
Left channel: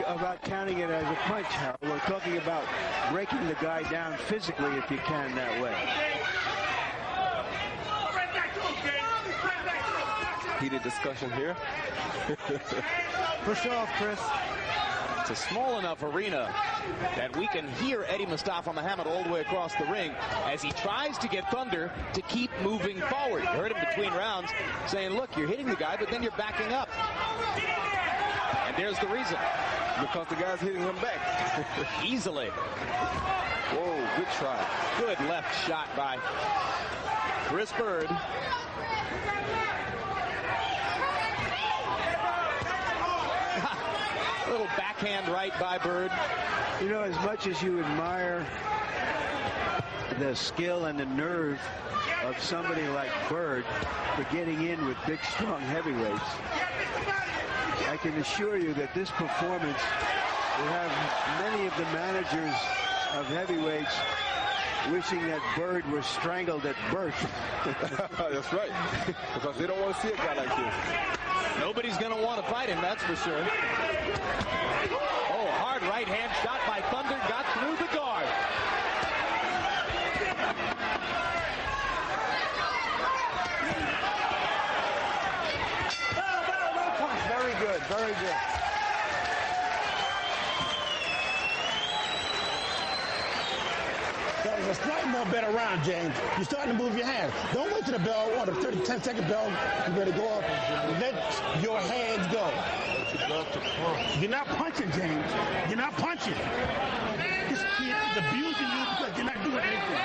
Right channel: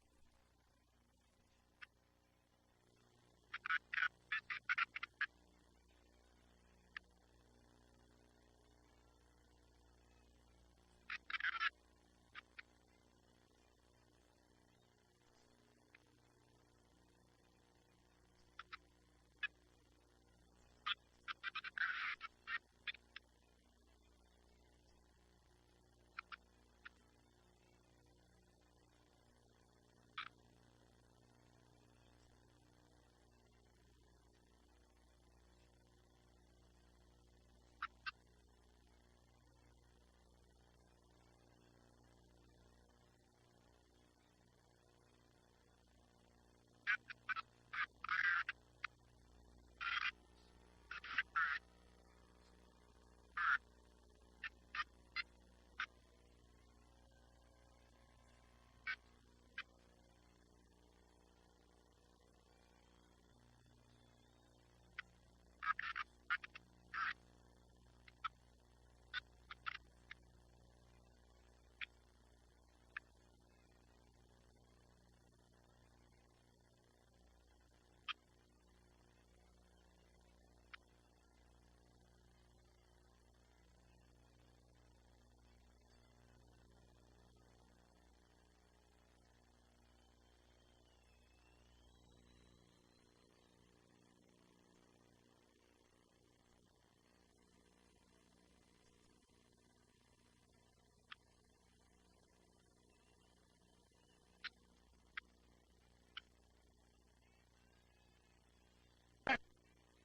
about counting it as a punch, Harold. We're talking about breaking the guy down physically if you can that way. Heated discussion here. Push off, Chris. It's a small enough arena that we can hear Eddie Mustafa Muhammad all the way across the ring as he tries to get Thunder to keep moving forward. You heard him between rounds saying, look, you're hitting the guy, but then you're backing up. And there's the reason. Because the guy's hitting him back. Easily. Whoa, good try. Good left shot by Chris Byrd. Little backhand right by Byrd. As much as you admire the skill and the nerve of somebody like Byrd for getting in with big, strong heavyweights, I can assure you that this performance will have many of the managers of heavyweights wishing that Byrd was strangled at birth. That's right. Because they don't want to see a guy like this. Nobody's going to want to fight him, that's for sure. Oh, hard right hand shot by Thunder, got through the guard. Very good, very good. That was a slightly more better round, James. You're starting to move your hands. Don't wait till the bell or the 10-second bell. You better go up. Let your hands go. You're not punching, James. You're not punching. This kid is abusing you because you're not doing anything.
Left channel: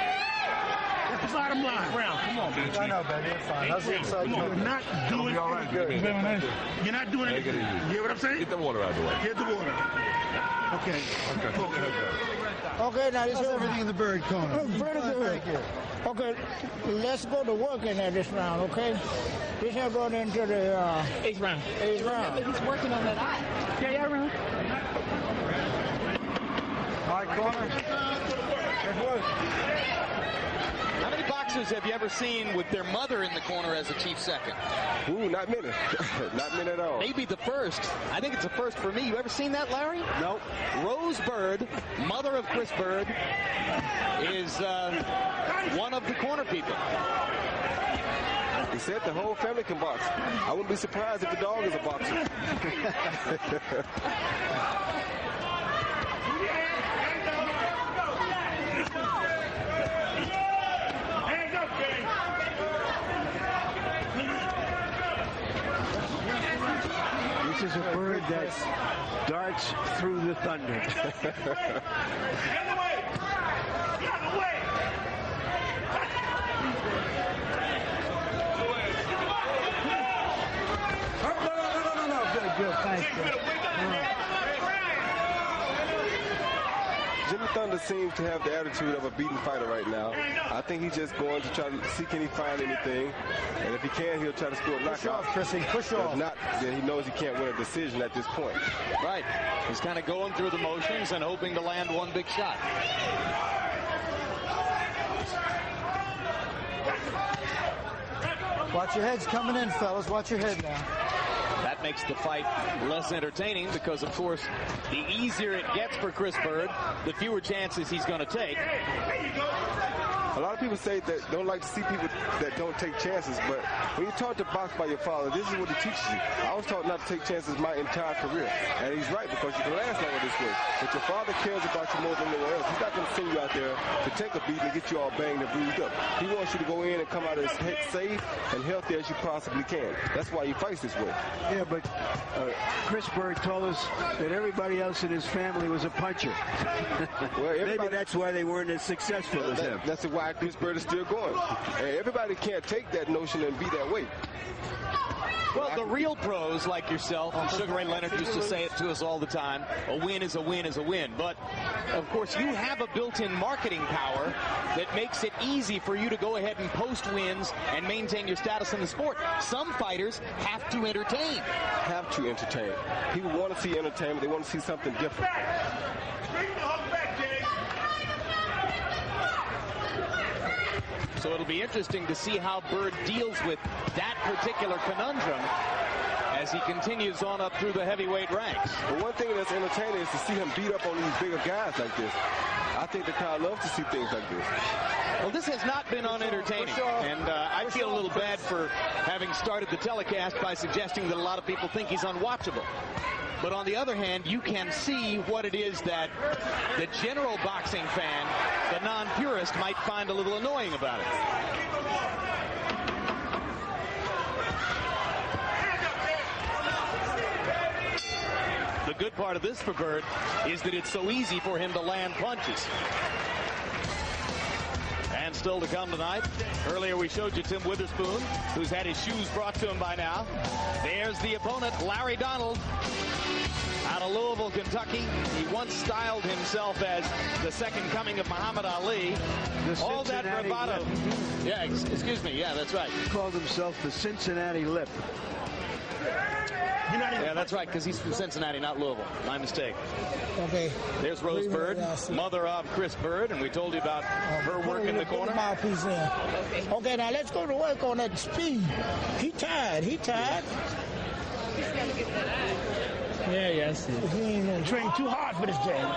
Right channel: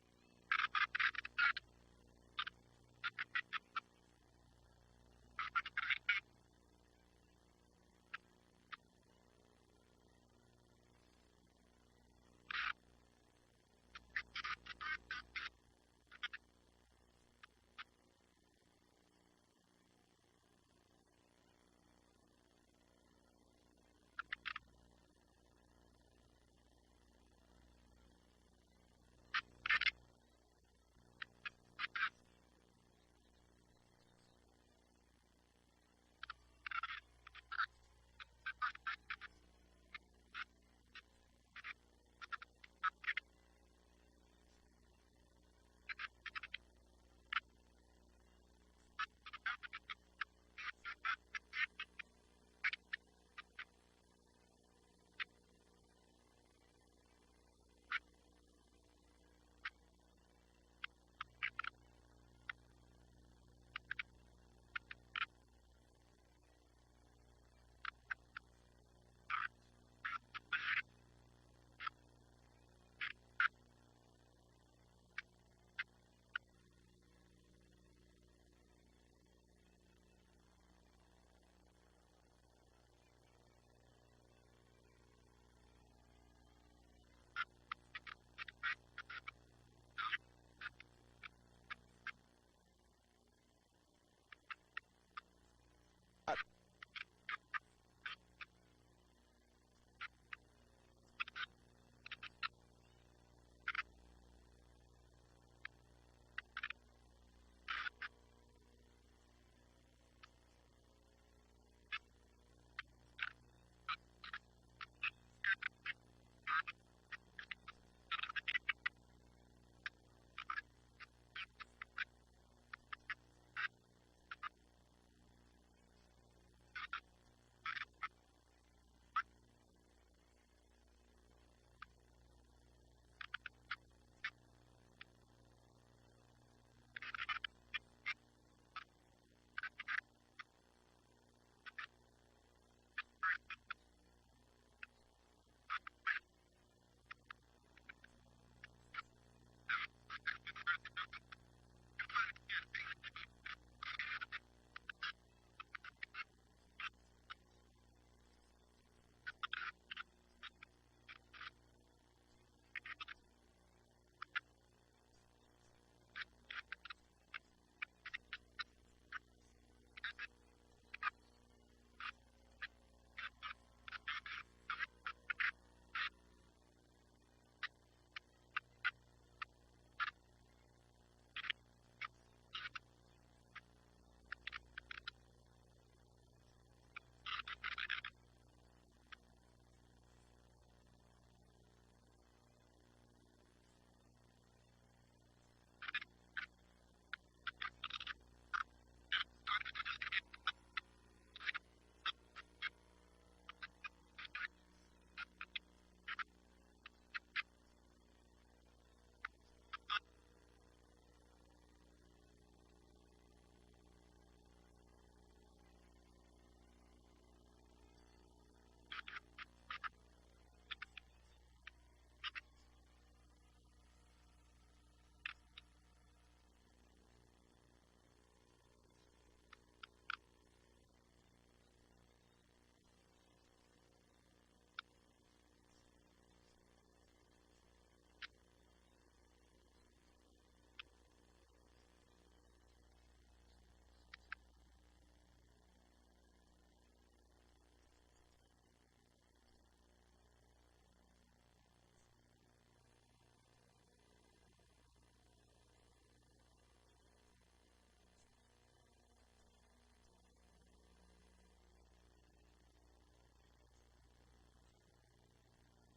That's the bottom line. Brown, come on, baby. I know, baby. It's fine. How's the inside? You're not doing anything. You're not doing anything. You hear what I'm saying? Get the water out of the way. Get the water. Okay. Okay. Okay, now this is everything in the Byrd corner. Very good. Okay, let's go to work in this round, okay? This is going into the eighth round. He's working on that eye. Yeah, round. High corner. Good work. How many boxers have you ever seen with their mother in the corner as a chief second? Ooh, not many. Not many at all. Maybe the first. I think it's a first for me. You ever seen that, Larry? Nope. Rose Byrd, mother of Chris Byrd, is one of the corner people. He said the whole family can box. I wouldn't be surprised if the dog is a boxer. This is a bird that darts through the thunder. No. Good. Thanks. Jimmy Thunder seems to have the attitude of a beaten fighter right now. I think he's just going to try to see can he find anything. And if he can, he'll try to score a knockout. Push off, Chrissy. Push off. If not, then he knows he can't win a decision at this point. Right. He's kind of going through the motions and hoping to land one big shot. Watch your heads coming in, fellas. Watch your head now. That makes the fight less entertaining because, of course, the easier it gets for Chris Byrd, the fewer chances he's going to take. A lot of people say that don't like to see people that don't take chances, but when you taught to box by your father, this is what he teaches you. I was taught not to take chances my entire career, and he's right because you can last longer this way. But your father cares about you more than anyone else. He's not going to send you out there to take a beat and get you all banged and bruised up. He wants you to go in and come out as safe and healthy as you possibly can. That's why he fights this way. Yeah, but Chris Byrd told us that everybody else in his family was a puncher. Well, maybe that's why they weren't as successful as him. That's why Chris Byrd is still going. And everybody can't take that notion and be that way. Well, the real pros like yourself, and Sugar Ray Leonard used to say it to us all the time, a win is a win is a win. But, of course, you have a built-in marketing power that makes it easy for you to go ahead and post wins and maintain your status in the sport. Some fighters have to entertain. Have to entertain. People want to see entertainment. They want to see something different. So it'll be interesting to see how Byrd deals with that particular conundrum as he continues on up through the heavyweight ranks. But one thing that's entertaining is to see him beat up on these bigger guys like this. I think the crowd loves to see things like this. Well, this has not been unentertaining, and I feel a little bad for having started the telecast by suggesting that a lot of people think he's unwatchable. But on the other hand, you can see what it is that the general boxing fan, the non-purist, might find a little annoying about it. The good part of this for Byrd is that it's so easy for him to land punches. And still to come tonight. Earlier we showed you Tim Witherspoon, who's had his shoes brought to him by now. There's the opponent, Larry Donald, out of Louisville, Kentucky. He once styled himself as the second coming of Muhammad Ali. All that bravado. Yeah, excuse me. Yeah, that's right. He called himself the Cincinnati Lip. Yeah, that's right, because he's from Cincinnati, not Louisville. My mistake. Okay. There's Rose Byrd, mother of Chris Byrd, and we told you about her work in the corner. Okay, now let's go to work on that speed. He tired. Yeah, I see. You ain't gonna train too hard for this game.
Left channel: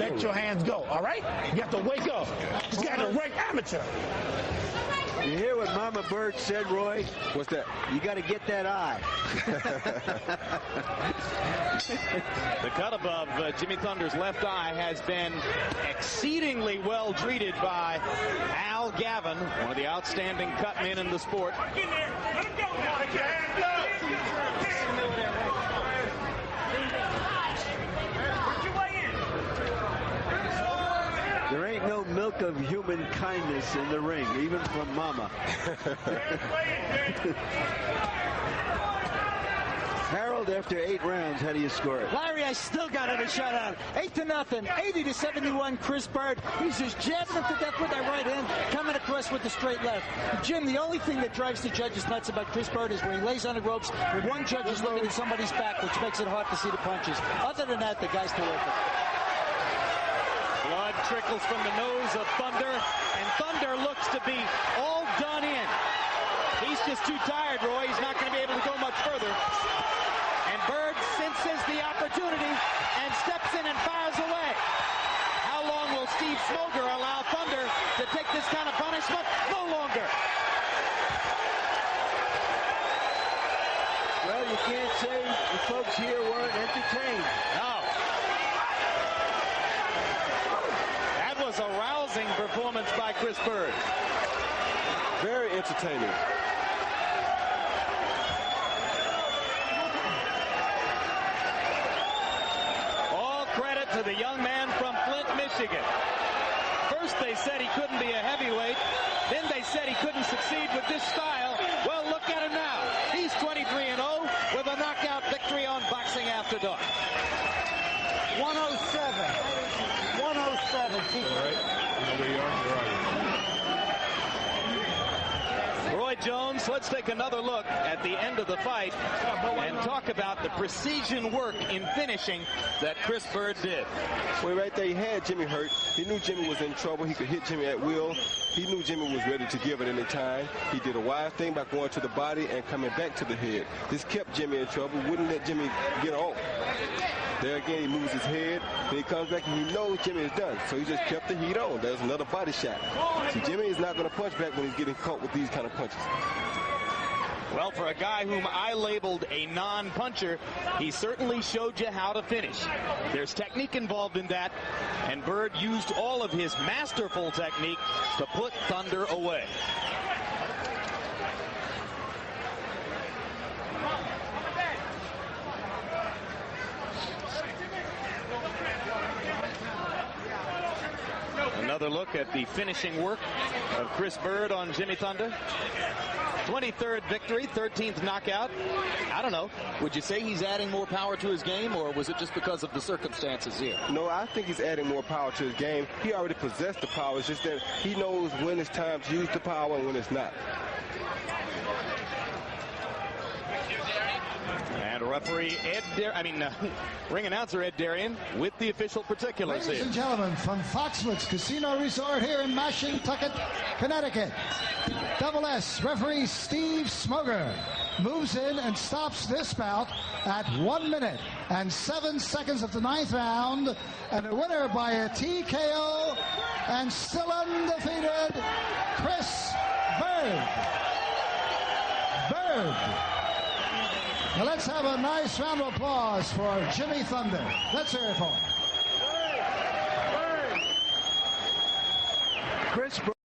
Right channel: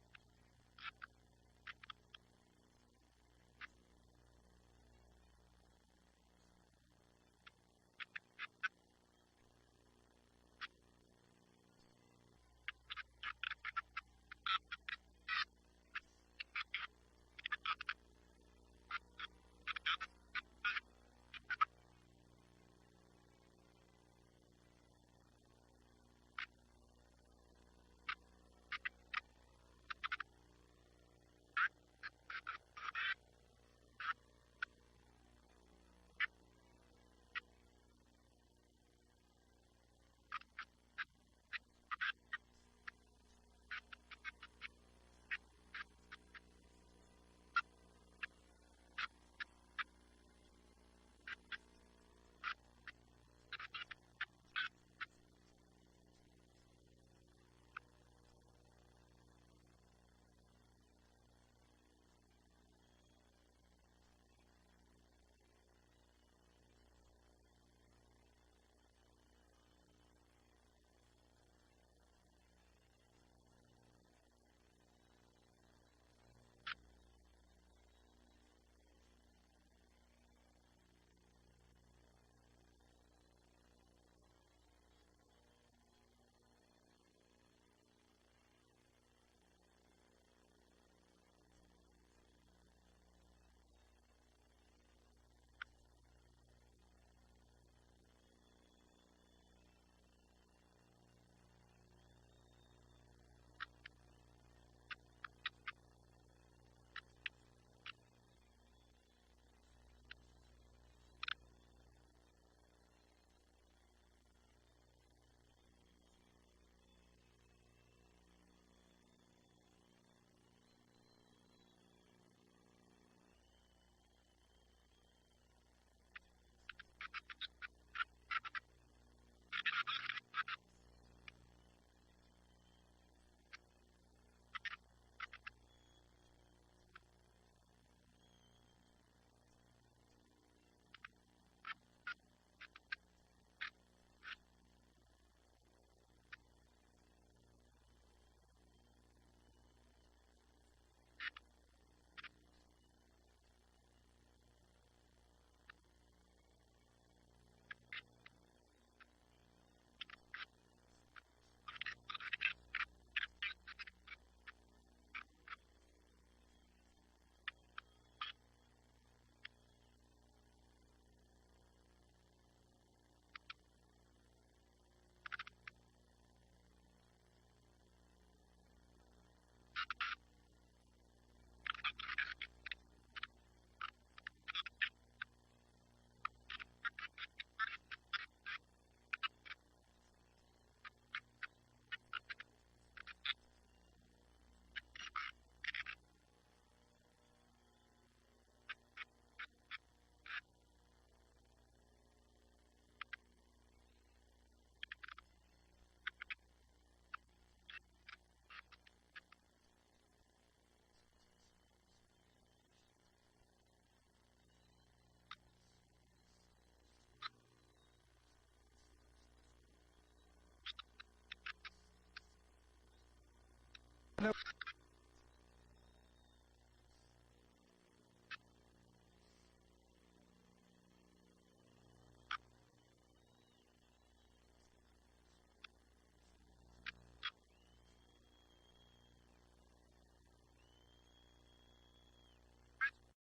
Let your hands go, all right? You have to wake up. This guy's a rank amateur. You hear what Mama Byrd said, Roy? What's that? You got to get that eye. The cut above Jimmy Thunder's left eye has been exceedingly well treated by Al Gavin, one of the outstanding cut men in the sport. There ain't no milk of human kindness in the ring, even from Mama. Harold, after 8 rounds, how do you score it? Larry, I still got it a shutout. 8-0, 80-71. Chris Byrd. He's just jabbing him to death with that right hand, coming across with the straight left. Jim, the only thing that drives the judges nuts about Chris Byrd is when he lays on the ropes, and one judge is looking at somebody's back, which makes it hard to see the punches. Other than that, the guy's terrific. Blood trickles from the nose of Thunder, and Thunder looks to be all done in. He's just too tired, Roy. He's not going to be able to go much further. And Byrd senses the opportunity and steps in and fires away. How long will Steve Smoger allow Thunder to take this kind of punishment? No longer. Well, you can't say the folks here weren't entertained. No. That was a rousing performance by Chris Byrd. Very entertaining. All credit to the young man from Flint, Michigan. First they said he couldn't be a heavyweight. Then they said he couldn't succeed with this style. Well, look at him now. He's 23-0 with a knockout victory on Boxing After Dark. 107. 107. Keep Roy Jones Folks, let's take another look at the end of the fight and talk about the precision work in finishing that Chris Byrd did. Well, right there, he had Jimmy hurt. He knew Jimmy was in trouble. He could hit Jimmy at will. He knew Jimmy was ready to give at any time. He did a wise thing by going to the body and coming back to the head. This kept Jimmy in trouble, wouldn't let Jimmy get off. There again, he moves his head, then he comes back and he knows Jimmy is done. So he just kept the heat on. There's another body shot. See, Jimmy is not going to punch back when he's getting caught with these kind of punches. Well, for a guy whom I labeled a non-puncher, he certainly showed you how to finish. There's technique involved in that, and Byrd used all of his masterful technique to put Thunder away. Another look at the finishing work of Chris Byrd on Jimmy Thunder. 23rd victory, 13th knockout. I don't know. Would you say he's adding more power to his game, or was it just because of the circumstances here? No, I think he's adding more power to his game. He already possessed the power. It's just that he knows when it's time to use the power and when it's not. And referee ring announcer Ed Darian with the official particulars. Ladies and gentlemen, from Foxwoods Casino Resort here in Mashantucket, Connecticut, Double S referee Steve Smoger moves in and stops this bout at 1 minute and 7 seconds of the 9th round, and the winner by a TKO and still undefeated, Chris Byrd. Now let's have a nice round of applause for Jimmy Thunder. Let's hear it for him. Chris